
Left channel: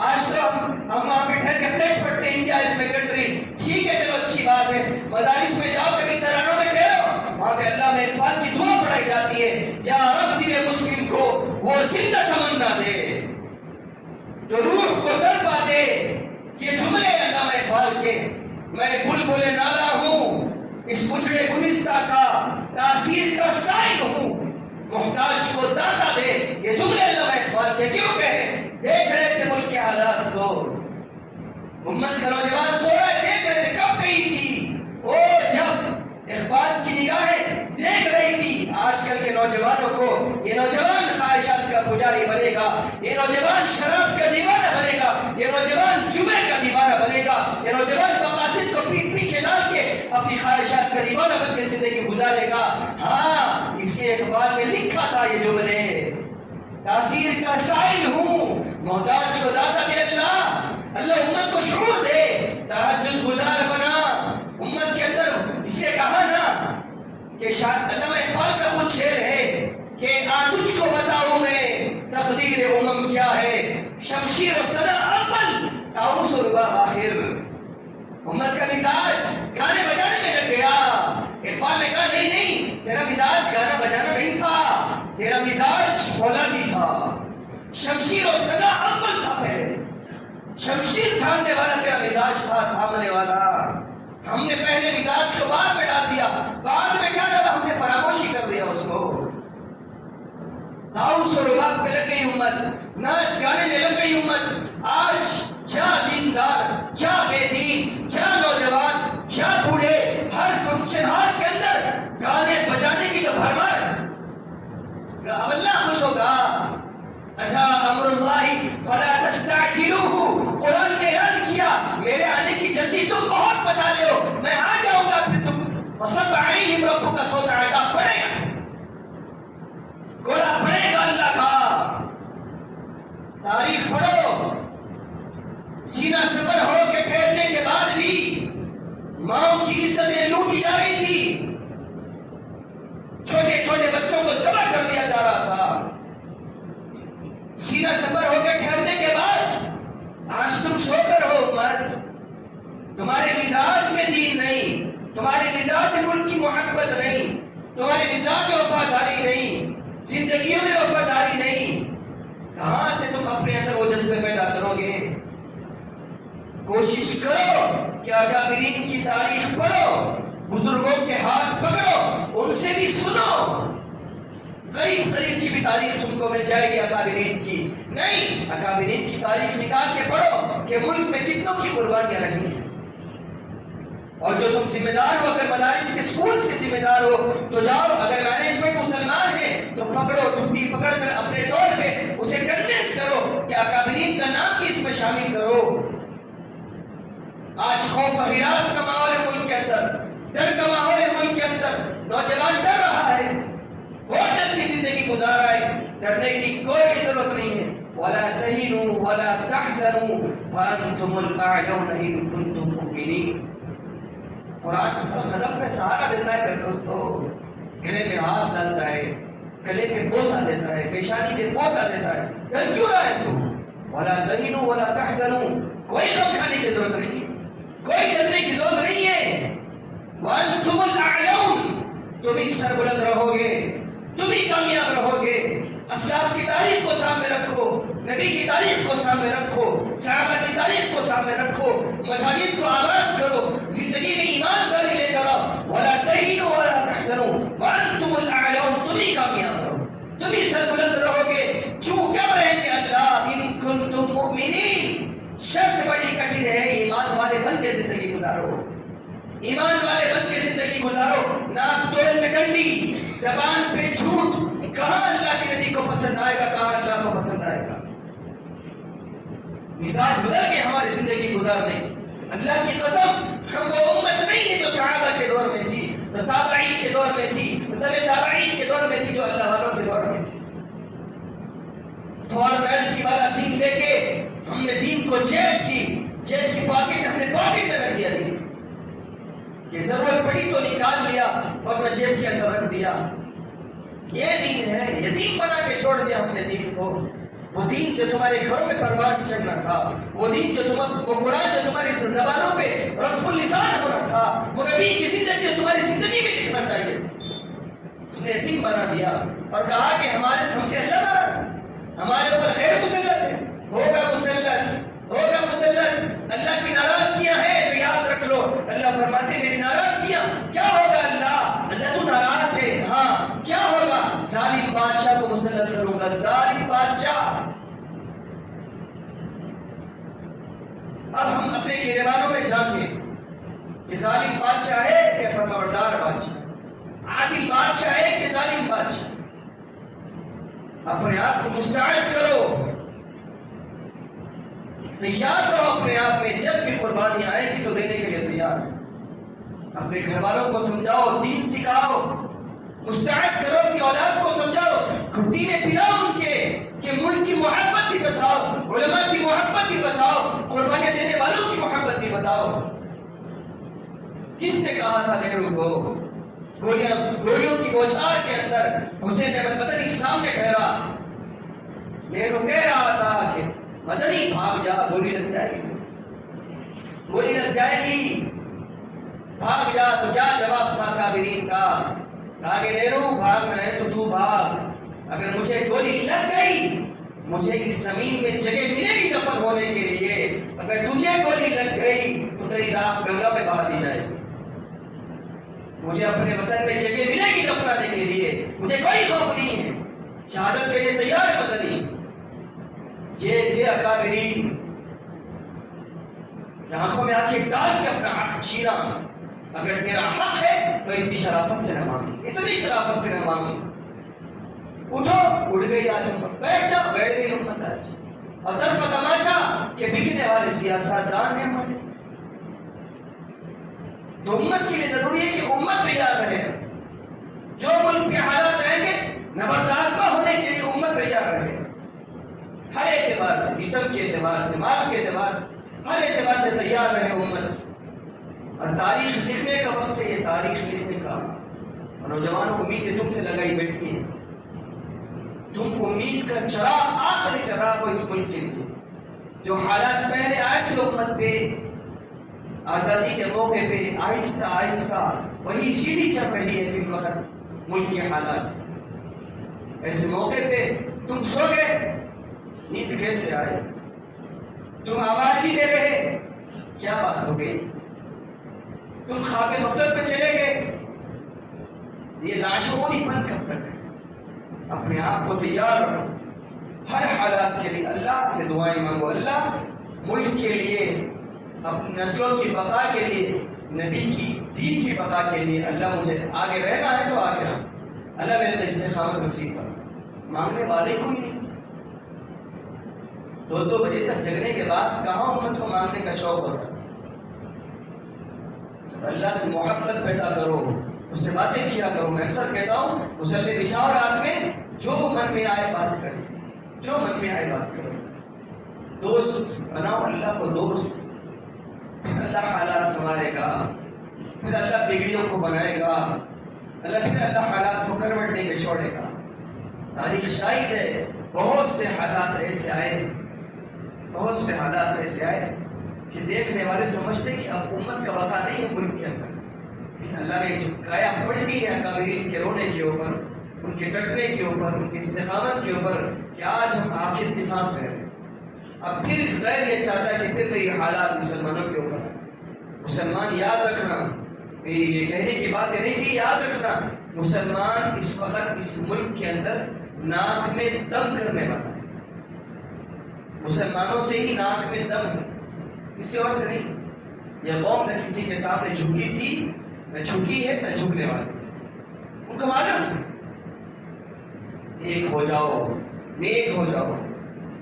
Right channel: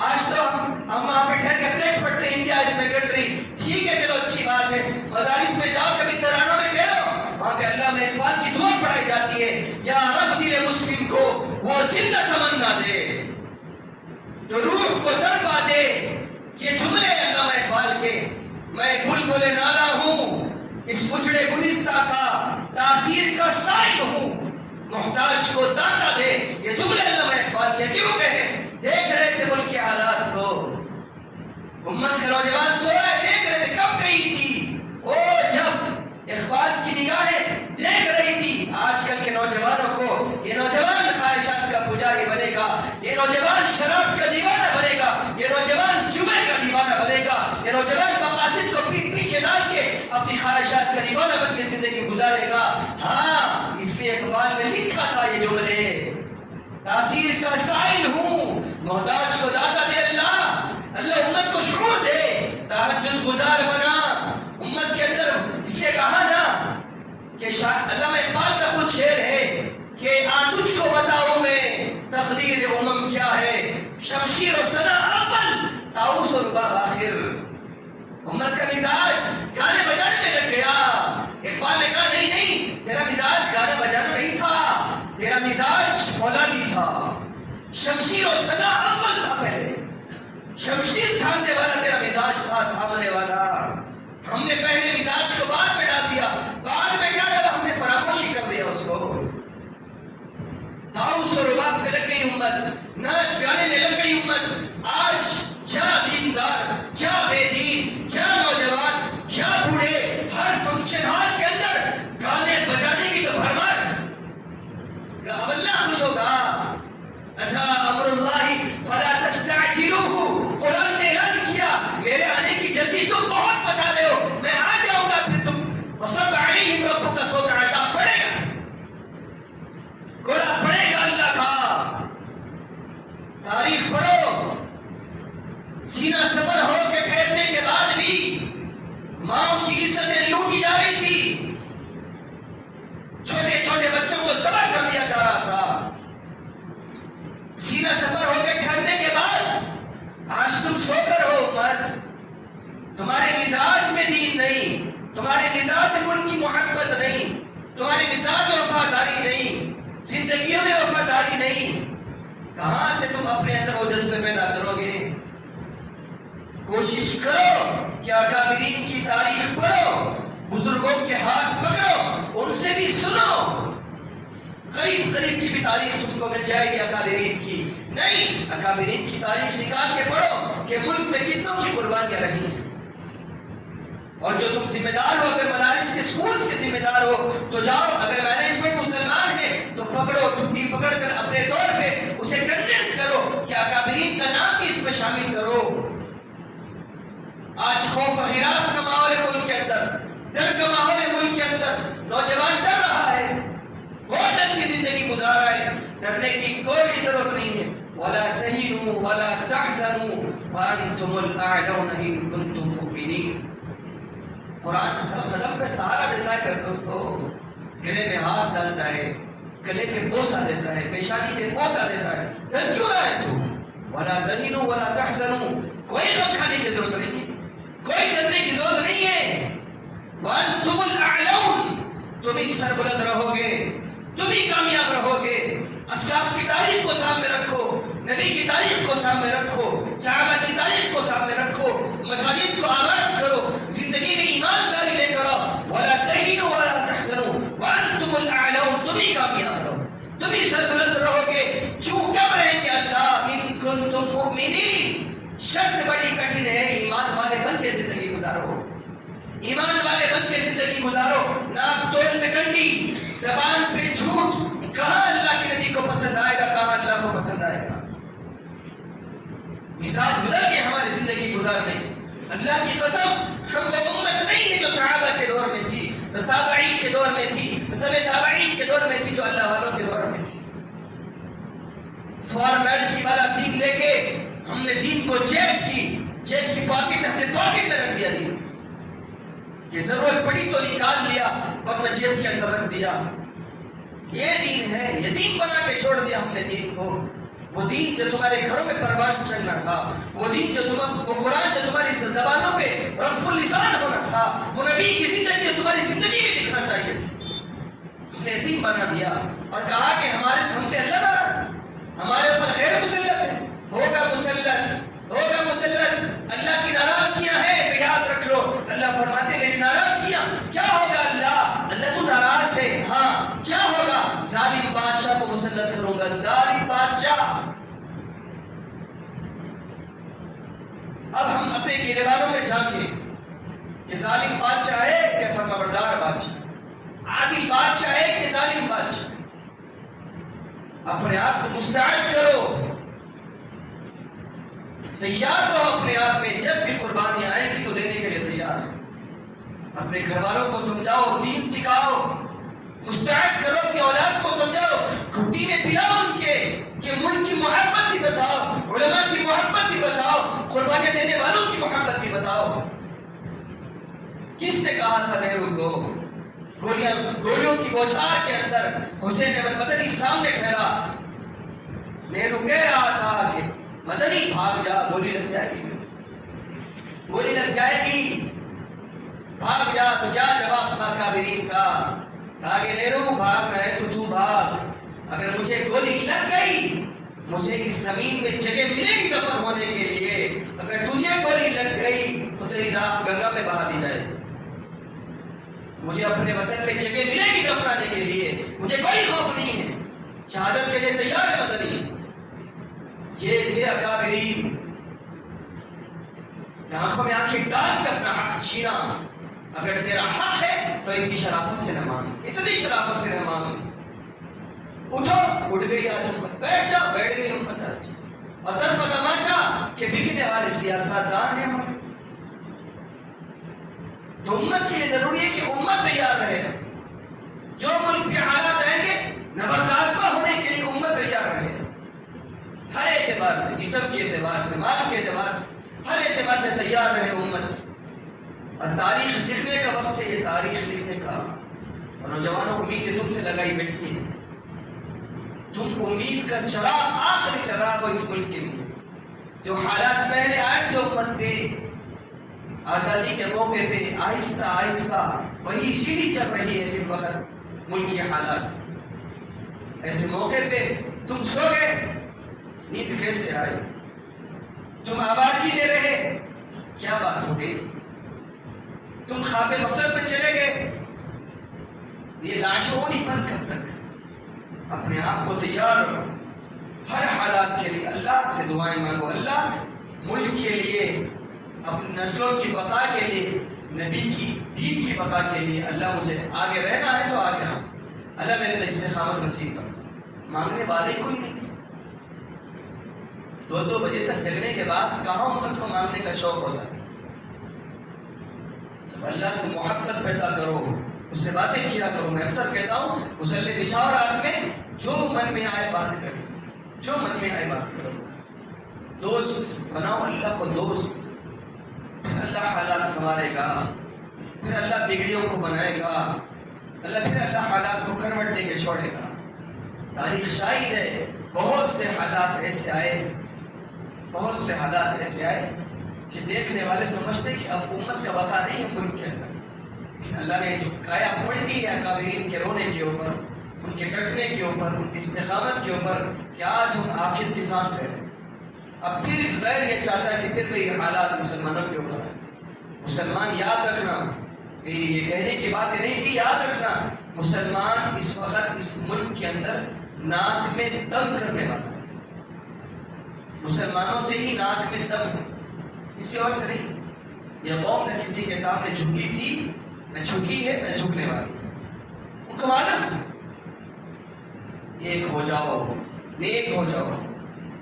آج تو ہم وہاں پہ ٹھہر کے پلیٹس پڑھتے ہیں، انڈیا از مائی کنٹری، ٹھیک ہے چلو اچھی بات ہے، مدارس میں جاؤ کبھی ترانوں میں ٹھہرو، وہاں پہ علامہ اقبال کی دعا پڑھائی جاتی ہے، یا رب دل مسلم کو وہ زندہ تمنا دے جو روح کو تڑپا دے۔ یہ جملے علامہ اقبال کے، میں بلبل نالا ہوں اس اجڑے گلستہ کا، تاثیر کا سائل ہوں، محتاج کو داتا دے۔ یہ جملے علامہ اقبال کے کیوں کہے؟ دیکھ رہے تھے ملک کے حالات کو، امت کے نوجوان سو رہے، دیکھ رہے تھے، کب گئی تھی وہ جب اقبال کی نگاہیں دیکھ رہی تھی آج کل کے نوجوانوں کو۔ یہ نوجوان خواہشات کا پجاری بنے گا، یہ نوجوان شراب کا دیوانہ بنے گا، یہ نوجوان جمعے کا دیوانہ بنے گا، یہ نوجوان مقاصد کو پیٹ پیچھے ڈال کے اپنی خواہشات کا دیوانہ بن کے زندگی گزارے گا۔ ہاں، اس لیے اقبال نے لکھا تھا یہ جملے، تاثیر کا سائل ہوں، محتاج کو داتا دے اللہ۔ اللہ امت کو شعور دے، تہجد گزار بنا امت کے اندر۔ اس لیے کہا نا کہ علامہ اقبال کا خود شعر ہے کہ تجھ کو بتاؤں میں تقدیر امم کیا ہے، شمشیر و ثنا اول، طاؤس و رباب آخر۔ امت کا مزاج گانے بجانے میں لگ گیا۔ اقبال نے کہا نہیں نہیں، تیرا مزاج گانا بجانا نہیں تھا، تیرا مزاج فولادی تھا، شمشیر و سنا اول تھا، پہلے شمشیر تھامنے والا تیرا مزاج تھا، تھامنے والا۔ ہم نے پہلے مزاج کو بعد میں ڈال دیا، بعد میں کیا ڈالا؟ ہم نے فراموشی کر دیا اس کو۔ داؤس و رباب پہ لگ گئی امت، ناچ گانے میں لگ گئی امت۔ آج کیا دیندار، کیا بے دین، کیا نوجوان، کیا بوڑھے، ہر فنکشن ہال کے اندر گانے بجانے کی تو بھرمار۔ اب اللہ خوش ہوگا، اتھا امر اللہ فلا تستعجلوہ، قرآن نے اعلان کیا میرے آنے کی جلدی تم بہت بچا لے ہو، میں آ جاؤں گا پھر تم فصب علیہم ربک صوت عذاب پڑے گا، گولا پڑے گا اللہ کا۔ تاریخ پڑھو، سینہ سفر ہو کے ٹھہرنے کے بعد بھی ماؤں کی عزتیں لوٹی جا رہی تھی، چھوٹے چھوٹے بچوں کو ذبح کر دیا جا رہا تھا۔ سینہ سفر ہو کے ٹھہرنے کے بعد آج تم سو کر ہو مت، تمہارے مزاج میں دین نہیں، تمہارے مزاج میں ملک کی محبت نہیں، تمہارے مزاج میں وفاداری نہیں، زندگیوں میں وفاداری نہیں، کہاں سے تم اپنے اندر وہ جذبے پیدا کرو گے؟ کوشش کرو کہ اکابرین کی تاریخ پڑھو، بزرگوں کے ہاتھ پکڑو، ان سے بھی سنو، قریب قریب کی بھی تاریخ تم کو مل جائے گی اکابرین کی۔ نہیں، اکابرین کی تاریخ نکال کے پڑھو کہ ملک میں کتنوں کی قربانیاں رہی ہیں۔ اور جو تم ذمہ دار ہو، اگر مدارس کے سکولز کے ذمہ دار ہو تو جاؤ، اگر مینجمنٹ مسلمان ہے تو پکڑو، چھٹی پکڑ کر اپنے طور پہ اسے کنونس کرو کہ اکابرین کا نام بھی اس میں شامل کرو۔ آج خوف و ہراس کا ماحول ہے ملک کے اندر، ڈر کا ماحول ہے ملک کے اندر، نوجوان ڈر رہا ہے، بہت ڈر کی زندگی گزار رہا ہے، ڈرنے کی کوئی ضرورت نہیں ہے۔ وَلَا تَهِنُوا وَلَا تَحْزَنُوا وَأَنْتُمُ الْأَعْلَوْنَ إِن كُنتُم مُؤْمِنِينَ۔ قرآن ہر قدم پہ سہارا دیتا ہے دوستو، گلے میں ہاتھ ڈالتا ہے، گلے پہ بوسہ دیتا ہے، پیشانی پہ بوسہ دیتا ہے۔ ڈر کیوں رہا ہے تو؟ وَلَا تَهِنُوا وَلَا تَحْزَنُوا، کوئی غم کھانے کی ضرورت نہیں ہے، کوئی ڈرنے کی ضرورت نہیں ہے۔ وَأَنْتُمُ الْأَعْلَوْنَ، تم ہی سربلند رہو گے، تم ہی کامیاب رہو گے۔ اسلاف کی تاریخ کو سامنے رکھو، نبی کی تاریخ کو سامنے رکھو، صحابہ کی تاریخ کو سامنے رکھو، مساجد کو آباد کرو، زندگی میں ایمانداری لے کر آؤ۔ وَلَا تَهِنُوا وَلَا تَحْزَنُوا وَأَنْتُمُ الْأَعْلَوْنَ، تم ہی کامیاب رہو، تم ہی سربلند رہو گے۔ کیوں کب رہیں گے اللہ؟ إِن كُنتُم مُؤْمِنِينَ، شرط بڑی کٹھن ہے، ایمان والے بن کے زندگی گزارو، ایمان والے بن کے زندگی گزارو۔ ناک توڑ میں کنڈی، زبان پہ جھوٹ، کہاں اللہ کے نبی کو پسند آئے گا، کہاں اللہ کو پسند آئے گا؟ مزاج بدل کے ہماری زندگی گزارنے۔ اللہ کی قسم، ہم وہ امت نہیں ہے جو صحابہ کے دور میں تھی، تابعین کے دور میں تھی، تابعین کے دور میں تھی، جو اللہ والوں کے دور میں تھی۔ فارمیلٹی والا دین لے کے ہم نے دین کو جیب کی پاکٹ، ہم نے پاکٹ میں رکھ دیا دین، یہ ضرورت پڑی تو نکال لیا ورنہ جیب کے اندر رکھ دیا۔ یہ دین ہے، یہ دین بنا کے چھوڑ دیا ہم نے دین کو۔ وہ دین جو تمہارے گھروں میں پروان چڑھنا تھا، وہ دین وہ قرآن جو تمہاری زبانوں پہ رطف اللسان ہونا تھا، وہ نبی کی زندگی جو تمہاری زندگی میں دکھنا چاہیے تھی، تم نے دین بنا دیا اور کہا کہ ہم سے اللہ ناراض، ہمارے اوپر غیر مسلط ہے، ہوگا مسلط، اللہ کی ناراضگیاں ہیں تو یاد رکھ لو۔ اللہ فرماتے میری ناراضگیاں کیا ہوگا؟ اللہ تو ناراض ہے، ہاں کیا ہوگا؟ ظالم بادشاہ کو مسلط کروں گا، ظالم بادشاہ۔ اب ہم اپنے گریبانوں میں جانیں کہ ظالم بادشاہ ہے کہ فرمانبردار بادشاہ، عادل بادشاہ ہے کہ ظالم بادشاہ۔ اپنے آپ کو مستعد کرو، تیار رہو اپنے آپ میں، جب بھی قربانیاں آئیں گی تو دینے کے لیے تیار ہے۔ اپنے گھر والوں کو سمجھاؤ، دین سکھاؤ، مستعد کرو، اپنی اولاد کو سمجھاؤ، گھٹی میں پلاؤ ان کے، کہ ملک کی محبت بھی بتاؤ، علماء کی محبت بھی بتاؤ، قربانیاں دینے والوں کی محبت بھی بتاؤ۔ کس نے کہا تھا نہرو کو؟ گولیوں کی بوچھار کے اندر حسین احمد مدنی سامنے ٹھہرا، نہرو کہہ رہا تھا کہ مدنی بھاگ جا، گولی لگ جائے گی، گولی لگ جائے گی، بھاگ جا۔ تو کیا جواب تھا کابرین کا؟ کہا کہ نیرو بھاگنا ہے تو بھاگ، اگر مجھے گولی لگ گئی مجھے اس زمین میں جگہ ملے گی دفن ہونے کے لیے، اگر تجھے گولی لگ گئی تو تیری لاش گنگا میں بہا دی جائے گی، مجھے اپنے وطن میں جگہ ملے گی دفنانے کے لیے، مجھے کوئی خوف نہیں ہے، شہادت کے لیے تیار ہے مدنی۔ یہ تھے اکابرین کہ آنکھوں میں آنکھیں ڈال کے اپنا حق چھینا، اگر تیرا حق ہے تو اتنی شرافت سے نہ مانگ، اتنی شرافت سے نہ مانگ، اٹھو اٹھ گئی آج امت، بیٹھ جاؤ بیٹھ گئی امت آج، اور طرف تماشا کہ بکنے والے سیاست دان ہیں ہمارے، تو امت کے لیے ضروری ہے کہ امت تیار رہے، جو ملک کے حالات آئیں گے نبرداشتہ ہونے کے لیے امت تیار رہے، ہر اعتبار سے، جسم کے اعتبار سے، مال کے اعتبار سے، ہر اعتبار سے تیار رہے امت۔ اور تاریخ لکھنے کا وقت ہے، یہ تاریخ لکھنے کا، اور نوجوانوں امید تم سے لگائی بیٹھی ہے، تم امید کا چراغ، آخری چراغ ہو اس ملک کے لیے۔ جو حالات پہلے آئے تھے امت پہ آزادی کے موقع پہ، آہستہ آہستہ وہی سیڑھی چل رہی ہے پھر وقت ملک کے حالات۔ ایسے موقع پہ تم سو گئے، نیند کیسے آئے؟ تم آبادی میں رہے، کیا بات ہو گئی؟ تم خواب غفلت میں چلے گئے، یہ لاشعوری پن کب تک؟ اپنے آپ کو تیار رکھو ہر حالات کے لیے، اللہ سے دعائیں مانگو، اللہ ملک کے لیے، اپنی نسلوں کی بقا کے لیے، نبی کی دین کی بقا کے لیے، اللہ مجھے آگے رہنا ہے تو آگے رہنا، اللہ میرے لیے استقامت نصیب فرما۔ مانگنے والے کوئی نہیں، 2 بجے تک جگنے کے بعد کہاں امت کو مانگنے کا شوق ہوتا ہے؟ جب اللہ سے محبت پیدا کرو، اس سے باتیں کیا کرو۔ میں اکثر کہتا ہوں مصلی بچھاؤ رات میں، جو من میں آئے بات کریں، جو من میں آئے بات کرو، دوست بناؤ اللہ کو دوست، پھر اللہ حالات سنوارے گا، پھر اللہ بگڑیوں کو بنائے گا، پھر اللہ حالات کو کروٹ دے کے چھوڑے گا۔ تاریخ شاہد ہے، بہت سے حالات ایسے آئے، بہت سے حالات ایسے آئے کہ دیکھنے والے سمجھتے کہ اب امت کا بقا نہیں ہے ملک کے اندر، لیکن اللہ نے جو کایا پلٹی ہے اکابرین کے رونے کے اوپر، ان کے ڈٹنے کے اوپر، ان کی استقامت کے اوپر، کہ آج ہم عافیت کی سانس لے رہے ہیں۔ اب پھر غیر یہ چاہتا ہے کہ پھر وہی حالات مسلمانوں کے اوپر ہیں۔ مسلمان یاد رکھنا، یہ کہنے کی باتیں نہیں کہ یاد رکھنا، مسلمان اس وقت اس ملک کے اندر ناک میں دم کرنے والا ہے، مسلمانوں سے ہی ناک میں دم ہے، کسی اور سے نہیں۔ یہ قوم نہ کسی کے سامنے جھکی تھی، نہ جھکی ہے، نہ جھکنے والی، ان کو معلوم ایک ہو جاؤ، نیک ہو جاؤ،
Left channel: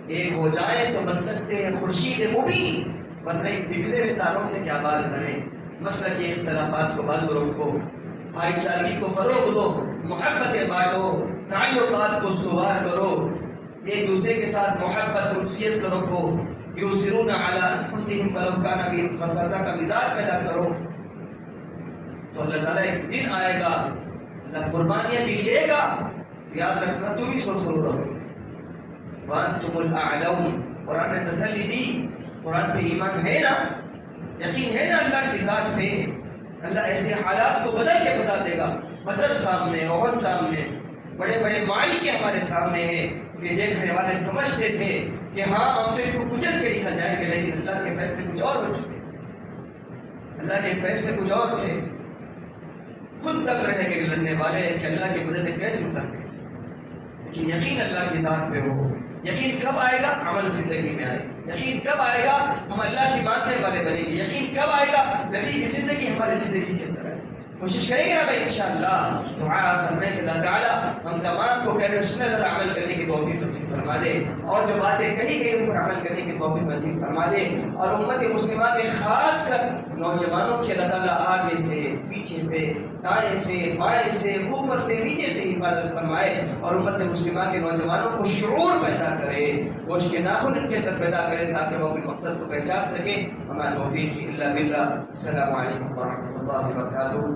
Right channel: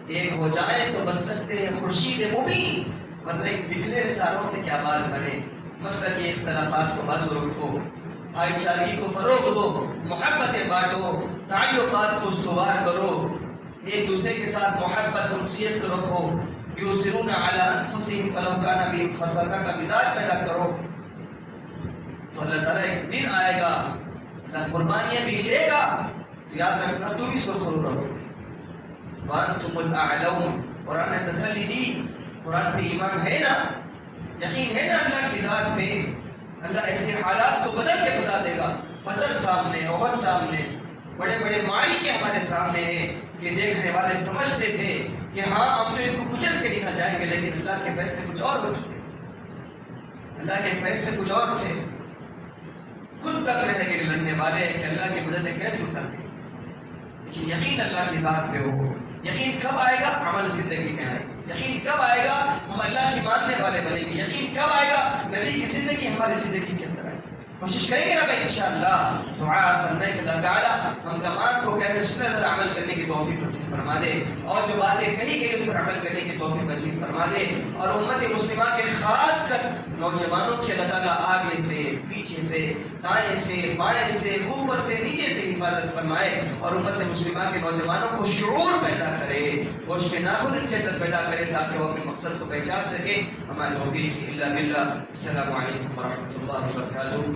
ایک ہو جائیں تو بن سکتے ہیں خورشید مبین، ورنہ ان بکھرے ہوئے تاروں سے کیا بال بنے۔ مسلکی اختلافات کو بازو رکھو، بھائی چارگی کو فروغ دو، محبتیں بانٹو، تعلقات کو استوار کرو، ایک دوسرے کے ساتھ محبت انسیت کو رکھو، یؤثرون علی انفسہم ولو کان بہم خصاصہ کا مزاج پیدا کرو، تو اللہ تعالیٰ ایک دن آئے گا، اللہ قربانیاں بھی لے گا، تو یاد رکھنا تم ہی سرخرو رہو۔ وانتم الاعلون، قرآن نے تسلی دی، قرآن پہ ایمان ہے نا، یقین ہے نا اللہ کی ذات پہ، اللہ ایسے حالات کو بدل کے بتا دے گا۔ بدر سامنے، احد سامنے، بڑے بڑے معرکے ہمارے سامنے ہیں، کہ دیکھنے والے سمجھتے تھے کہ ہاں ہم تو ان کو کچل کے نکل جائیں گے، لیکن اللہ کے فیصلے کچھ اور ہو چکے تھے، اللہ کے فیصلے کچھ اور تھے۔ خود تک رہ گئے لڑنے والے کہ اللہ کی مدد کیسے اتر گئی، لیکن یقین اللہ کی ذات پہ ہو۔ یقین کب آئے گا؟ عمل زندگی میں آئے گا۔ یقین کب آئے گا؟ ہم اللہ کی ماننے والے بنیں گے۔ یقین کب آئے گا؟ نبی کی زندگی ہماری زندگی کے اندر آئے گی۔ کوشش کریں گے نا بھائی انشاءاللہ، دعا فرمائے کہ اللہ تعالیٰ ہم تمام کو کہنے سننے پر عمل کرنے کی توفیق نصیب فرما دے، اور جو باتیں کہی گئی اس پر عمل کرنے کی توفیق نصیب فرما دے، اور امت مسلمہ کے خاص کر نوجوانوں کی اللہ تعالیٰ آگے سے، پیچھے سے، دائیں سے، بائیں سے، اوپر سے، نیچے سے حفاظت فرمائے، اور امت مسلمہ کے نوجوانوں کو شعور پیدا کرے، گوشت کے ناخن ان کے اندر پیدا کرے، تاکہ وہ اپنے مقصد کو پہچان سکے۔ ہمیں توفیق الا باللہ۔ السلام علیکم ورحمۃ اللہ وبرکاتہ۔